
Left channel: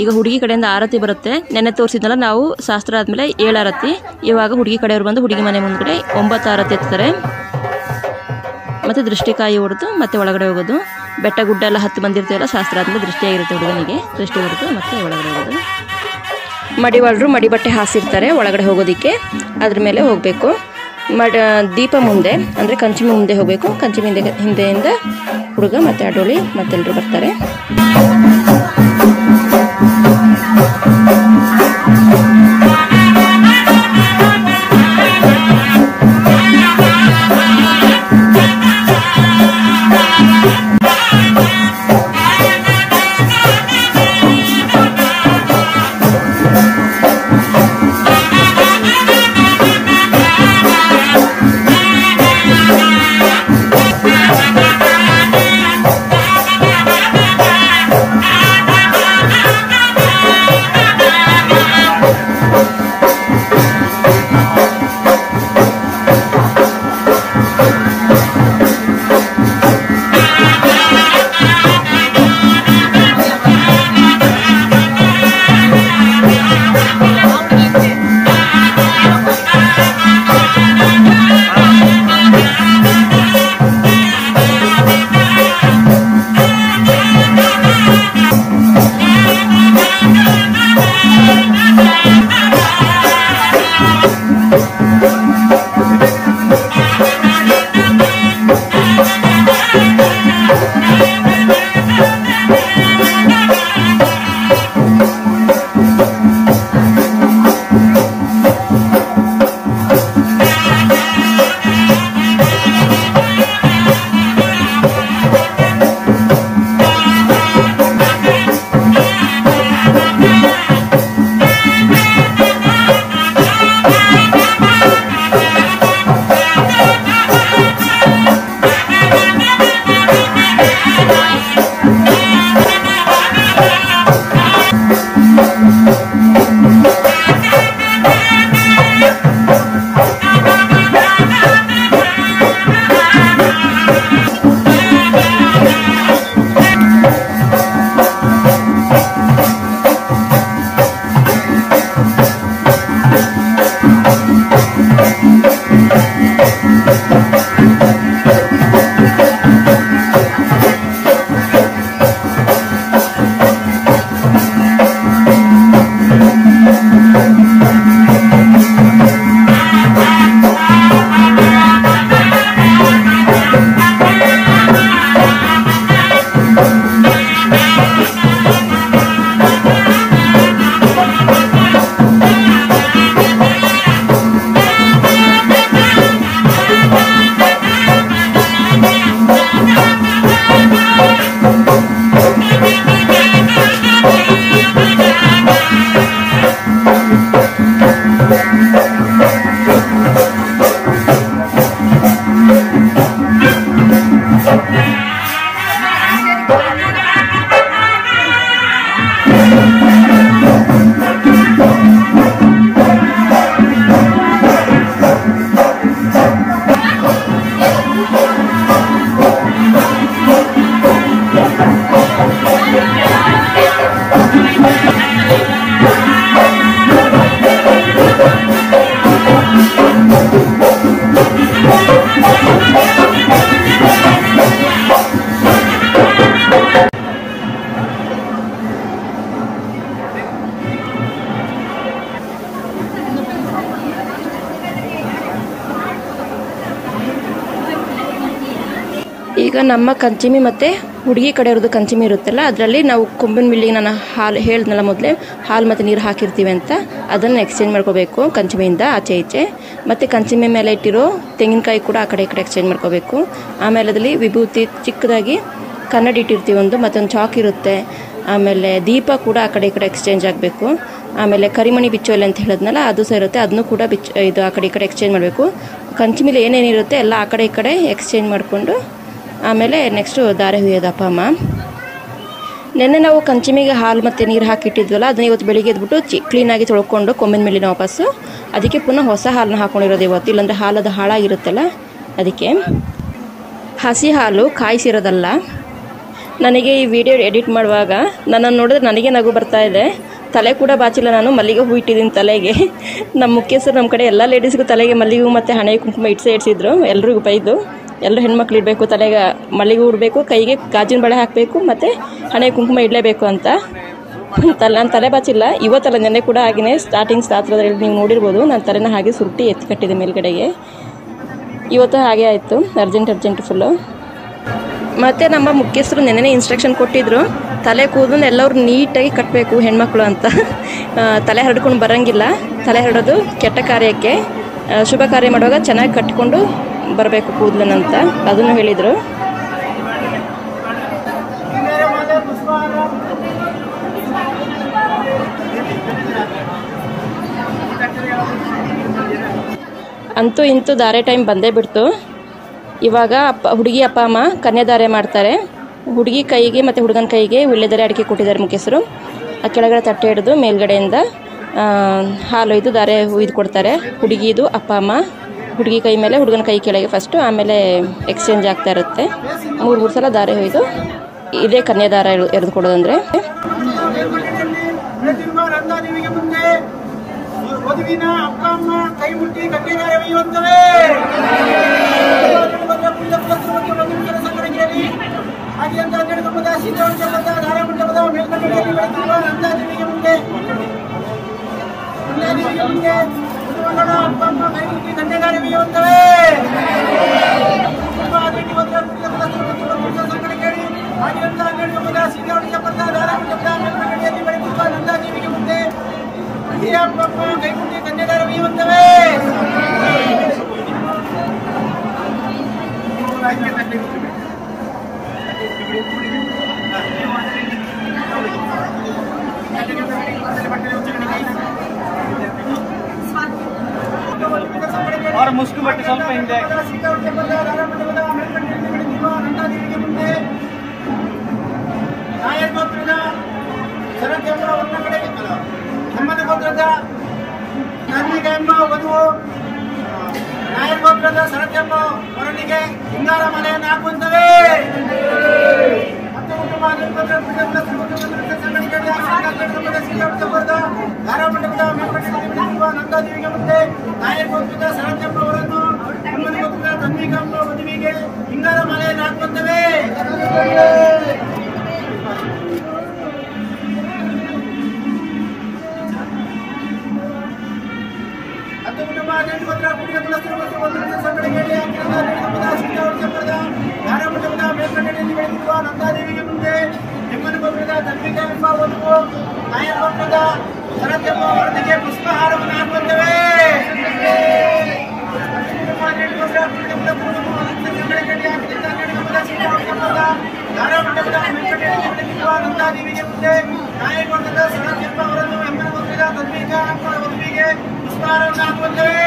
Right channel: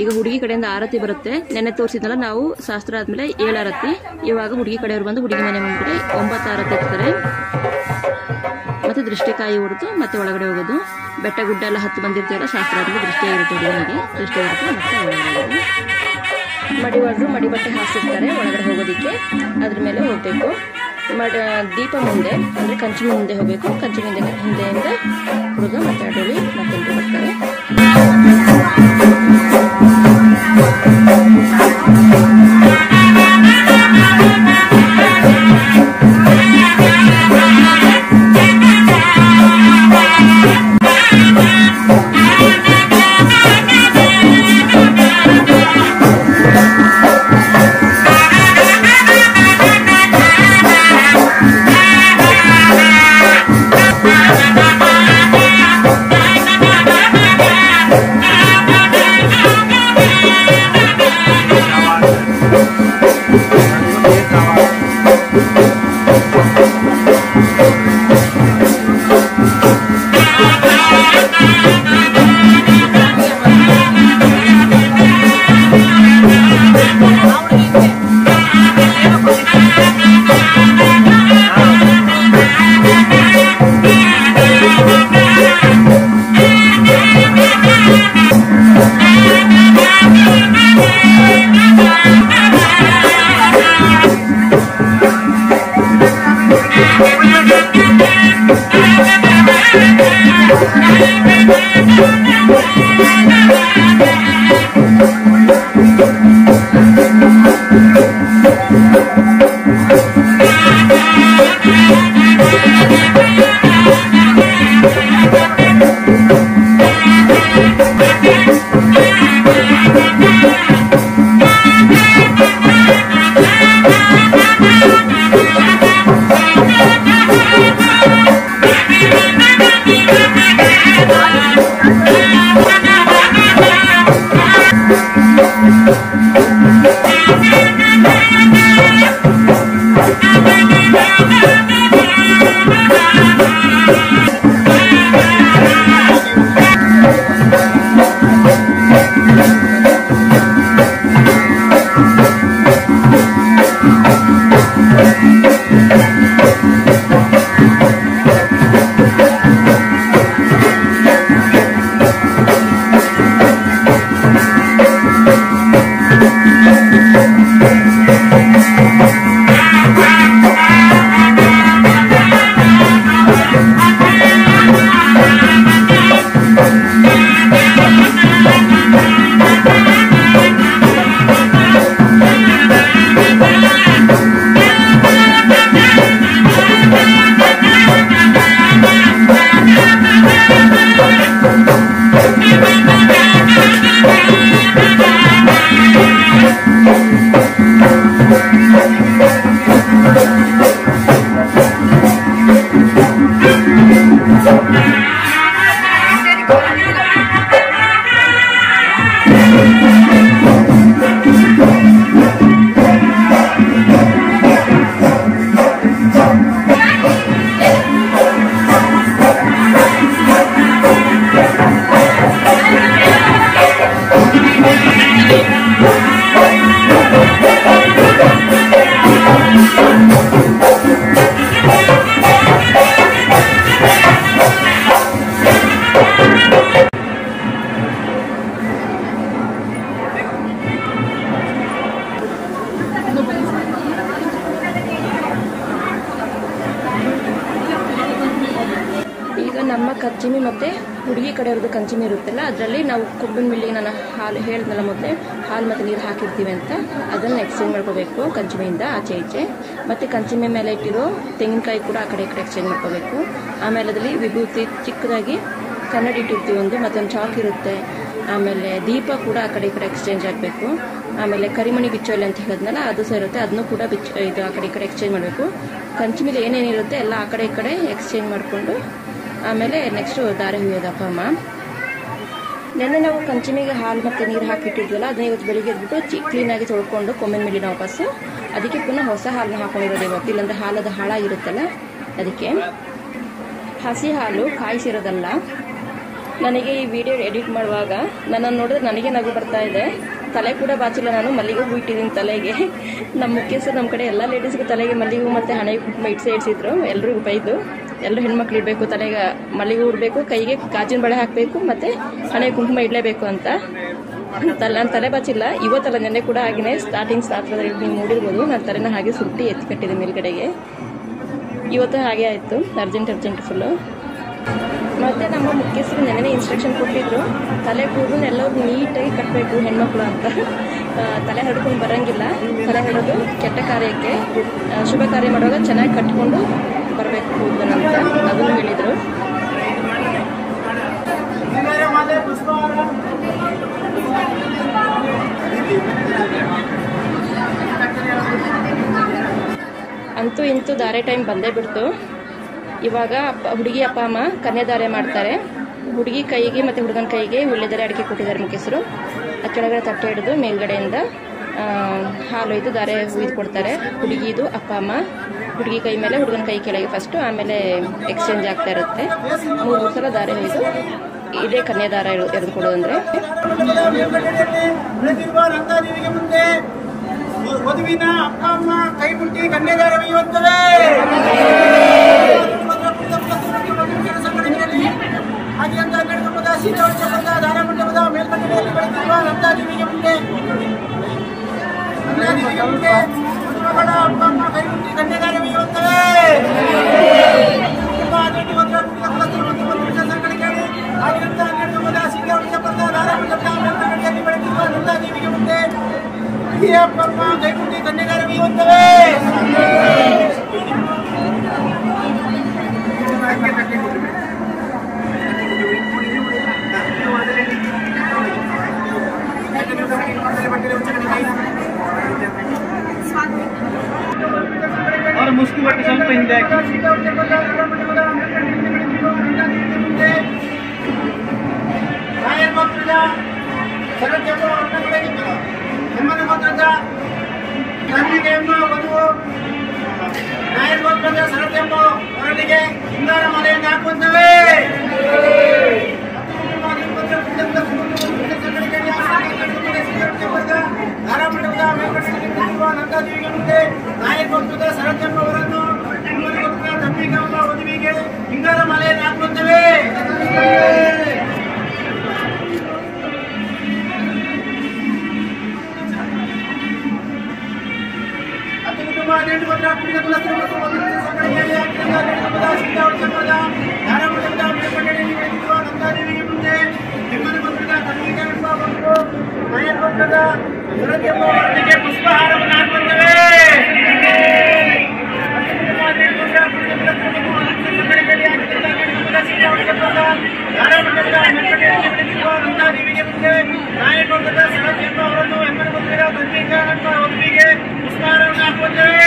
ಈಗ ಹುಡುಗಿ ಕಡೆಯಿಂದ ಆರತಿ ಬರುತ್ತೆ. ನೆನ್ನೆ ತೋರಿಸಿದ್ನಲ್ಲ ನಾವು, ಶಾಸ್ತ್ರ ಆದಮೇಲೆ 7 ಆರತಿ. ಇವಾಗ ಹುಡುಗಿ ಕಡೆಯವರು ಬಂದು ಹುಡುಗಿ ಮನೆ ಮುಂದ್ಗಡೆ 9 ಆರತಿ ಎತ್ತಾರೆ. ಮತ್ತು ದೃಷ್ಟಿಕಾಯಿ ಹೊಡೆದು ಮತ್ತೆ ಒಳಗಡೆ ಹೋಗೋದು. ಬೆಟ್ಟ ಗುಡ್ಡ ಎಲ್ಲ ಹತ್ತು ಬಂದಿರ್ತೀವಲ್ಲ, ಶಾಸ್ತ್ರ ಆದಮೇಲೆ ದೃಷ್ಟಿಯಾಗಿರುತ್ತೆ ಹುಡುಗನಿಗೆ, ದೃಷ್ಟಿ ಹೊಡೆದು ಮತ್ತೆ ಒಳಗಡೆ ಹೋಗೋದು. ಮಡಿವಾಳರು ಮಡಿ ಬಟ್ಟೆ ಹಾಸಿರ್ತಾರೆ ಒಳಗಡೆ ಹೋಗೋದಿಕ್ಕೆ, ಅದ್ರ ಮೇಲೆ ಹೋಗಬೇಕು. ದೀಪ ಮುಂದೆ ಅಂದರೆ ಕಂಚಿ ಮುಂದೆ ಹೋಗಬೇಕು. ಕಂಚಿ ಹಿಂದೆಯಿಂದ ಹುಡುಗ ಮತ್ತು ಅಡೋಳಿ ಮತ್ತೆಲ್ಲರೂ ಬರ್ತಾರೆ. ನಮ್ಮ ಕಂಚಿಮಿ ಮತ್ತು ಹುಡುಗಿ ಕಡೆಯವ್ರದ್ದು ಕಂಚಿಮಿ ಇರುತ್ತಲ್ಲ, ಅದರಲ್ಲಿ ನಾವು ಕೊಂಬಿನ ಮಿಲ್ಲಿಗೆ ನಾನು ಹಾಲು ಹೇಳಿದ್ನಲ್ಲ ಮೊದಲೇ, ಹಾಲು ಮತ್ತು ನೀರು ಹಾಕಿರ್ತೀವಿ ಅಂತ, ಅದನ್ನು ಎಕ್ಸ್ಚೇಂಜ್ ಮಾಡ್ಕೋಬೇಕು ಕಂಚಿಮಿಯಿಂದ ಆಚೆ ಈಚೆ. ಮತ್ತು ಕಂಚಿಮಿ ಮೇಲೆ ಇಟ್ಟಿರೋ ತೆಂಗಿನಕಾಯಿ ಕೂಡ ಆ ಕಡೆ ಈ ಕಡೆ ಎಕ್ಸ್ಚೇಂಜ್ ಮಾಡ್ಕೋಬೇಕು. ಆಮೇಲೆ ಅದರಲ್ಲಿ ವಿಭೂತಿ ಚಿಕ್ಕದಾಗಿ ಕನ್ನಡಿ ಇಟ್ಟಿರ್ತೀವಿ ಒಂದು, ಮತ್ತೊಂದು ಚಾಕ್ ಇರುತ್ತೆ. ಆಮೇಲೆ ದೀಪ ಕೂಡ ಆ ಕಡೆ ಈ ಕಡೆ ಎಕ್ಸ್ಚೇಂಜ್ ಆಗಬೇಕು. ಆಮೇಲೆ ಕರಿಮಣಿ ಬಿಚ್ಚೋಲೆ ಅಂತ ಹೇಳಿದ್ನಲ್ಲ, ಅದು ಸಹ ಇರುತ್ತೆ, ಅದನ್ನು ಕೂಡ ಇದು ಆ ಕಡೆ ಈ ಕಡೆ ಎಕ್ಸ್ಚೇಂಜ್ ಮಾಡಬೇಕು. ಕಂಚಿಮಿಲಿ ಏನೇನಿರುತ್ತೆ ಎಲ್ಲ ಆ ಕಡೆ ಈ ಕಡೆ ಎಕ್ಸ್ಚೇಂಜ್ ಮಾಡಿಕೊಂಡು ಆಮೇಲೆ ನೆಕ್ಸ್ಟು ದಾರೆ ಹುಯ್ಯೋದು ಅಪ್ಪ ಅಮ್ಮ. ನೆನ್ನೆ ನಾವು ಕಂಚಿಮಿಗೆ ಹಾಲು ಮತ್ತು ನೀರು ಹಾಕಿಟ್ಟಿದ್ವಲ್ಲ, ಅದನ್ನ ಇವತ್ತು ಬೆಳಿಗ್ಗೆ ಎದ್ಬಿಟ್ಟು ಕ್ಲೀನಾಗಿ ತೊಳ್ಕೊಂಡು ಕೊಂಬಿನ ಮೇಲಿನ ವಾಪಸ್ಸು ಅದಕ್ಕೆ ಪುನಃ ಹೊಸ ಹಾಲನ್ನ ಹಾಕ್ಕೊಂಡಿರೋದು ಇವತ್ತು, ಇಲ್ಲಾಂದರೆ ಹಾಲದು ಹಾಳಾಗಿರುತ್ತಲ್ಲ ಅದಕ್ಕೆ. ಹಸಿ ಹಾಲು ಕಾಯಿಸಿರೋದಲ್ಲ. ನನಗೆ ಈ ವಿಡಿಯೋ ಎಡಿಟ್ ಮಾಡುವಾಗ ನನ್ನನ್ನು ನೋಡಿದ್ರೆ ನನಗೆ ನಗು ಬರ್ತಾ ಇದೆ. ತಲೆ ಕೂಡ ಬಾಚಿಲ್ಲ, ನಾನು ಮಲ್ಲಿಗೆ ಹೂ ಇಟ್ಟಿದ್ದೀನಿ ತಲೆಗೆ. ನಮ್ಮ ಮುಖ್ಯಸ್ಥರು ನಮ್ಮ ಕಡೆ ಎಲ್ಲ ಲೇಡೀಸ್ಗೂ ತಲೆಗೆ ಮಲ್ಲಿಗೆ ಹೂ ಮತ್ತು ಹಣೆ ಕುಂಕುಮ ಇಡ್ಸಿದ್ರು. ಎಲ್ರಿಗೂ ಬೈದು, ಎಲ್ಲರೂ ಹೆಣ್ಮಕ್ಳು ಇಡಬೇಕು, ತಲೆಗೆ ಮಲ್ಲಿಗೆ ಹೂ ಇಡಬೇಕು, ಕೈಗೆ ಗಾಜಿನ ಬಳೆ ಹಾಕಬೇಕು ಮತ್ತು ಹಣೆ ಕುಂಕುಮ ಇಡಲೇಬೇಕು ಅಂತ. ನಾನು ತಲೆ ಬಾಚಿಲ್ಲ ಇವತ್ತಲ್ಲ, ನೆನ್ನೆ ಕೂಡ ಹಾಗೆಯೇ ಸ್ಟಾರ್ಟಿಂಗ್ ಸ್ಟಾತ್ರದಲ್ಲಿ ನೀವು ನೋಡಿರ್ಬೋದು, ನಾನು ತಲೆನ ಹಾಗೆ ಸುರುಟಿ ಎತ್ತಿ ಕಟ್ಟಿದೆ ಮೇಲ್ಗಡೆಗೆ. ಇವತ್ತು ಹಾಗೆ ಆಯಿತು, ಅರ್ಜೆಂಟ್ ಫುಲ್ಲು. ಮತ್ತು ನಮ್ಮ ಮುಖ್ಯಸ್ಥರು ನೆನ್ನೆ ಇನ್ಸ್ಟ್ರಕ್ಷನ್ ಕೊಟ್ಟಿದ್ರು, ತಲೆ ಕೂದಲು ಎಲ್ಲರೂ ನೀಟಾಗಿ ಕಟ್ಟಬೇಕು ಹೆಣ್ಮಕ್ಳು ಅಂತ. ತಲೆ ಹರಡ್ಕೊಂಡು ಬರೋಂಗಿಲ್ಲ, ತಲೆ ಹರಡೋದು ಕೆಟ್ಟ ಕಾರ್ಯಕ್ಕೆ, ಶುಭ ಕಾರ್ಯ ಮಾಡುವಾಗ ಚೆನ್ನಾಗಿ ಕಟ್ಕೊಂಡು ಬರಬೇಕು ಕೂದಲನ್ನಂತ ಅದನ್ನು ಹೇಳಿದರು. ಅಂತೂ ಇಂತೂ ದಾರೆ ಟೈಮ್ ಬಂದೇ ಬಿಡ್ತು. ಇವಾಗ ಹುಡುಗಿ ಅಪ್ಪ ಅಮ್ಮ ಕನ್ಯಾದಾರೆ ಮಾಡ್ತಾರೆ. ಹುಡುಗಿ ಕೈಗೆ ಮತ್ತು ಹುಡುಗನ ಕೈಗೆ ವೀಳ್ಯದೆಲೆ ಅಡಿಕೆ ಕೊಟ್ಟಿದ್ದಾರೆ ಮುಖ್ಯಸ್ಥರು. ಆ ಕೆಳಗಡೆ ತಟ್ಟೆ ಹಿಡಿದು ಮೇಲ್ಗಡೆಯಿಂದ ಹಾಲು ಒಯ್ದು ದಾರೆ ಹುಯ್ದು ಕೊಡ್ತಾರೆ. ಹುಡುಗಿದು ಅಪ್ಪ ಅಮ್ಮ ಹುಡುಗಿ ಕೈ ಮೇಲೆ ಹುಡುಗನ ಕೈ ಕೆಳಗೆ ಫಸ್ಟು, ಆಮೇಲೆ ಎಕ್ಸ್ಚೇಂಜ್ ಆಗ್ತಾ ಇರುತ್ತೆ. 3 ಸಲ ದಾರೆ ಹೊಯ್ದು ಇದೇ ಕನ್ಯಾದಾರ ಎರೆದು ಕೊಡೋದಂದರೆ. ವಧುವಿನ ಅಪ್ಪ ಅಮ್ಮ ಕೈ ಮುಟ್ಟಿ ಕನ್ಯಾದಾರೆ ಒಯ್ಯುವಂತವೇ. ಹಾಗೆಂದ ಗಣಗಂಬದ ಸೀತಾವಳಿಸಂಬಂಧ ಧಾರಾಮಂಡಪದ ಮೇಲ್ಕಟ್ಟೆಯಲ್ಲಿ ಬೆಳೆದಿರುವ ನಂದಾದೇವಿಗೆ ಮುಂದೆ ಮದುಮಗಳ ಅಪ್ಪ ಅಮ್ಮ ಕೈ ಮುಟ್ಟಿ ಕನ್ಯಾದಾರೆ ಒಯ್ಯುವಂತವೇ. ಕುಟುಂಬ ಆದೇಟಿ ಒಂದರ ಕುಟುಂಬ ಕುಲಸ್ಥರು ಮತ್ತು ವರ್ಷ ಸಂಗಡ ಕೇಳಿ ಹಾಗೆಂದ ಗಣಗಂಬದ ಸೀತಾವಳಿಸಂಬಂಧ ಧಾರಾಮಂಡಪದ ಮೇಲ್ಕಟ್ಟೆಯಲ್ಲಿ ಬೆಳೆದಿರುವ ನಂದಾದೇವಿಗೆ ಮುಂದೆ ಅಪ್ಪ ಅಮ್ಮ ಕೈ ಮುಟ್ಟಿ ಕನ್ಯಾದಾರೆ ಒಯ್ಯುವಂತವೇ. और मुस्कुल बट्टे ಸ್ವಲ್ಪ ಹಿಂದೆ ಹೆಮ್ಮನ ಗೋತ್ರದ ಕನ್ನಿಕೆಯಮ್ಮ ವಧುವು ನಾಯರ್ ಗೋತ್ರದ ಸರಕೆಂಬ ಹೊರಳಿಗೆ ಹಿಂಗಾರ ಮಲೆಯನ್ನು ಹಾಕುವಂತವೇ. ಧಾರಾಮಂಡಪದ ಮೇಲ್ಕಟ್ಟೆಯಲ್ಲಿ ನಂದಾದೇವಿಗೆ ಮುಂದೆ ನಾಯರ್ ಗೋತ್ರದ ಸರಕೆಂಬ ಅವರನ್ನು ಹೆಮ್ಮನ ಗೋತ್ರದ ಕನ್ನಿಕೆಯಮ್ಮ ವಧುವಿಗೆ ಹಿಂಗಾರ ಮಲೆಯನ್ನು ಹಾಕುವಂತವೇ. ನಂದಾದೇವಿಗೆ ಮುಂದೆ ಹೆಮ್ಮನ ಗೋತ್ರದ ಕನ್ನಿಕೆಯಮ್ಮ ವಧುವು ನಾಯರ್ ಗೋತ್ರದ ಸರಕೆಂಬ ಅವರಿಗೆ ಪುಷ್ಪಹಾರವನ್ನು ಹಾಕುವಂತವೇ. ಧಾರಾಮಂಡಪದ ಮೇಲ್ಕಟ್ಟೆಯಲ್ಲಿ ಬೆಳೆದಿರುವ ನಂದಾದೇವಿಗೆ ಮುಂದೆ ನಾಯರ್ ಗೋತ್ರದ ಸರಕೆಂಬ ಅವರನ್ನು ಹೆಮ್ಮನ ಗೋತ್ರದ ಕನ್ನಿಕೆಯಮ್ಮ ವಧುವಿಗೆ ಪುಷ್ಪಹಾರವನ್ನು ಹಾಕುವಂತವೇ.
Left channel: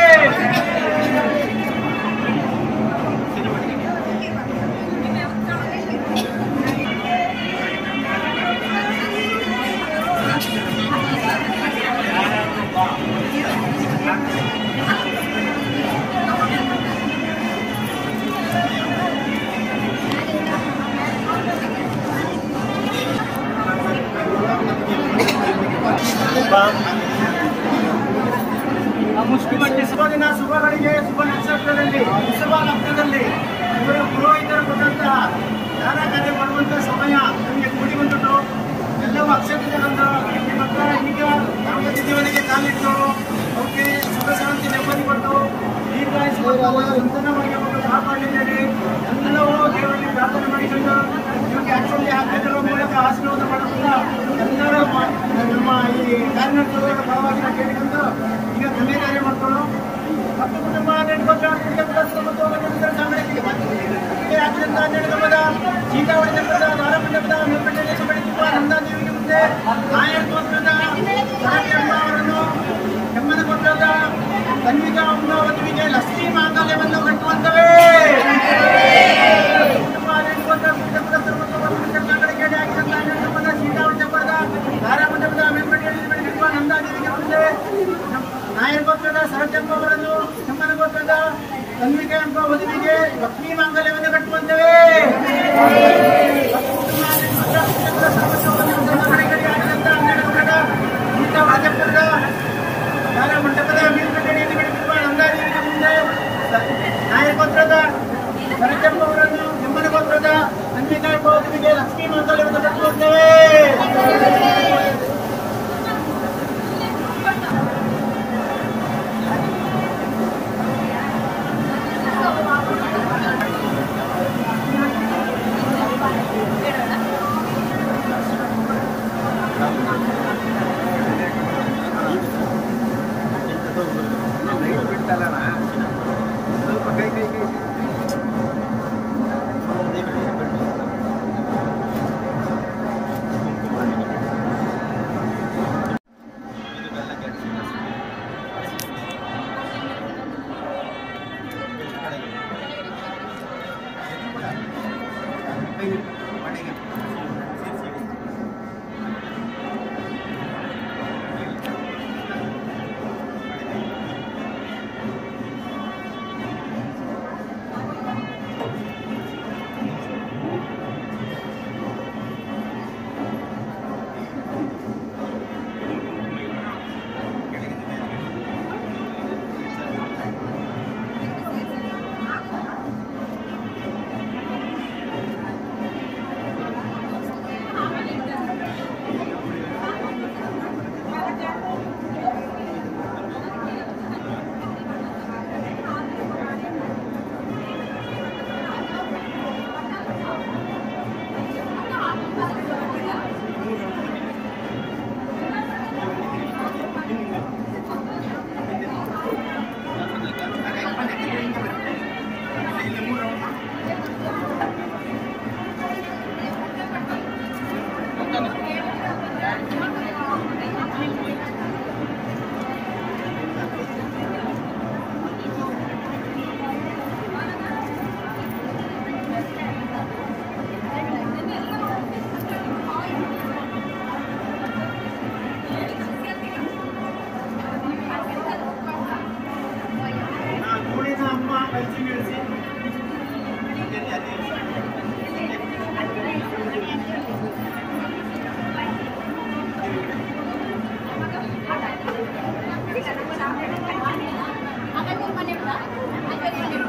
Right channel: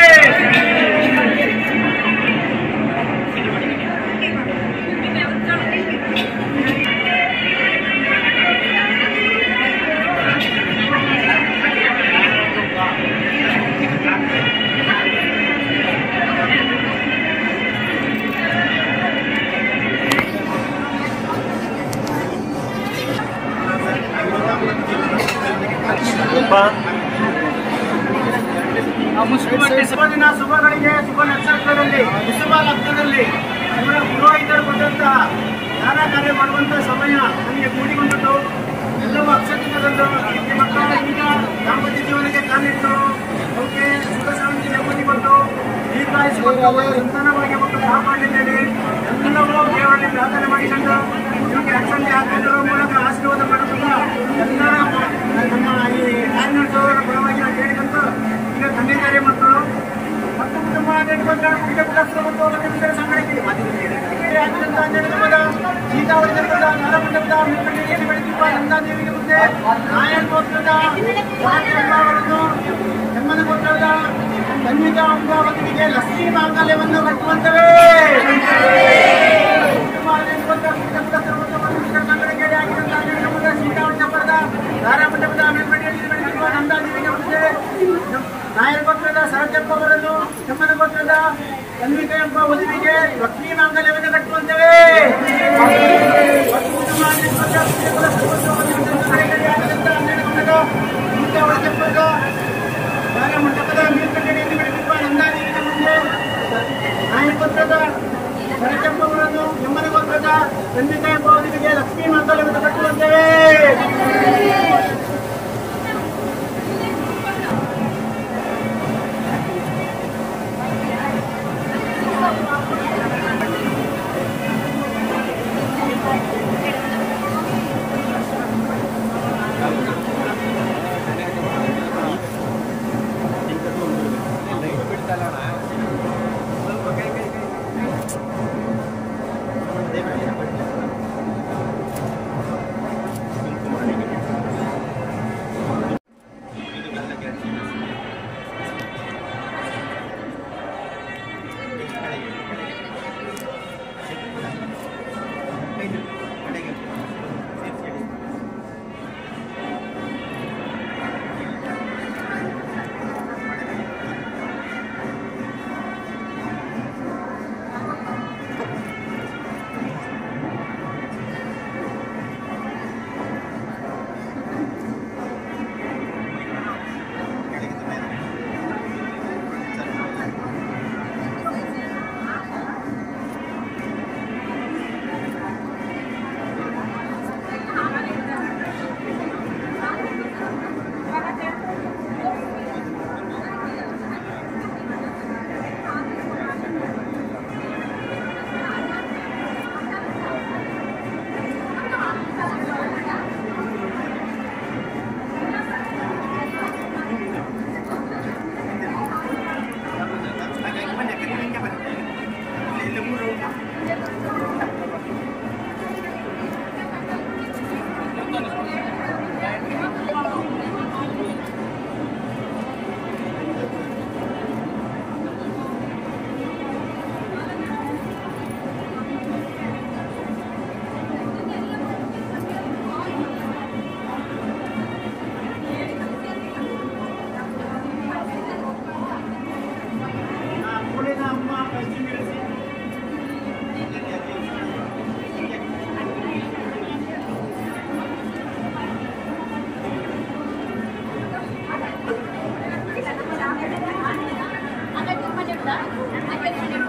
ಶುಭ ದಿನ, ಶುಭಗಳಿಗೆ, ಶುಭ ನಕ್ಷತ್ರದಲ್ಲಿ, ಶುಭ ಲಗ್ನದಲ್ಲಿ ಇವರ ಪುರೋಹಿತರು ಕೊಟ್ಟಂತಹ ದಾನ ಕಾರ್ಯ ಮಾಡುವಂತಹ ಸಮಯ ನಮಗೆ ಕೂಡಿ ಬಂದ್ಬಿಟ್ಟು ಎಲ್ಲವೂ ಅಕ್ಷತೆಗೊಂಡು ನಿಮ್ಮ ಮಕ್ಕಳ ಈಗ ದಾಂಪತ್ಯ ಜೀವನಕ್ಕೆ ಕಾಲಿಟ್ಟು ಅವಕ್ಕೆ ಸುಖ ಶಾಂತಿ ನೆಮ್ಮದಿ ಕೊಟ್ಟು ದೀರ್ಘಾಯುಷ ಮಕ್ಕಳು ಸಂತಾನವಾಗಿ ಮಕ್ಕಳು ಕಾಪಾಡಲಿದ್ದೇನೆ. ಎಲ್ಲವೂ ದೇವರಲ್ಲಿ ಪ್ರಾರ್ಥನೆ ಮಾಡಿಕೊಂಡು ನಿಮಗೆ ಅಕ್ಷಂತೆ ಹಾಕಿರುವ ಮೂಲಕ ಆಶೀರ್ವಾದ ಮಾಡಬಹುದು. ಎಲ್ಲರ ನಮ್ಮ ಈ ಕಾರ್ಯನಿರ್ವಹಿಸುವವರ ಪರವಾಗಿ ನಾವು ಕೇಳಿಕೊಂಡು ಈಗ ತಂದೆ ತಾಯಿ ಮಕ್ಕಳು ಮತ್ತು ಕುಟುಂಬ ನೆಟ್ಕೊಂಡ ಕುಟುಂಬಸ್ಥರು ಮತ್ತು ಮಕ್ಕಳ ಸಂಘಟನೆ ಆಗಿದ್ದಂತ ನೆಡದ ಸೀತಾವಳಿ ಜನಪದ ಧಾರಮಂಡಪದ ಮೇಲ್ಕಂಡ ದೇಶ ಬೆಳಕಿರುವ ನಂದಾದೇವಿಗೆ ಮುಂದೆ ನಾಯಕ ಗೋತ್ರದ ಅವರನ್ನು ಹೆಮ್ಮನ ಗೋತ್ರದ ತನ್ವಿಕಾ ಅಮರಾವತಿಗೆ ಲಕ್ಷ್ಮೀ ಮಾಂಗಲ್ಯವನ್ನು ಕಟ್ಟುವಂತವೇ ಸಂಘಟನೆ ಆಗಿದ್ದಂತ ನೆಡದ ಸೀತಾವಳಿ ಜನಪದ ಧಾರಮಂಡಪದ ಮೇಲ್ಕಂಡೆಯಲ್ಲಿ ಬೆಳಕಿರುವ ನಂದಾದೇವಿಗೆ ಮುಂದೆ ನಾಯಕ ಗೋತ್ರದ ಸರಜಪ್ಪ ಅವರನ್ನು ಹೆಮ್ಮನ ಗೋತ್ರದ ತನ್ವಿಕಾ ಎಂಬ ವಧುವಿಗೆ ಲಕ್ಷ್ಮೀ ಮಾಂಗಲ್ಯವನ್ನು ಕಟ್ಟುವಂತವೇ ಮಂಟಪದ ಮೇಲ್ಕಂಡೆಯಲ್ಲಿ ಬೆಳಕಿರುವ ನಂದಾದೇವಿಗೆ ಮುಂದೆ ನಾಯಕ ಗೋತ್ರದ ಸರಜಪ್ಪ ಅವರನ್ನು ಹೆಮ್ಮನ ಗೋತ್ರದ ತನ್ವಿಕಾ ಎಂಬ ವಧುವಿಗೆ ಲಕ್ಷ್ಮೀ ಮಾಂಗಲ್ಯವನ್ನು ಕಟ್ಟುವಂತವೇ Ada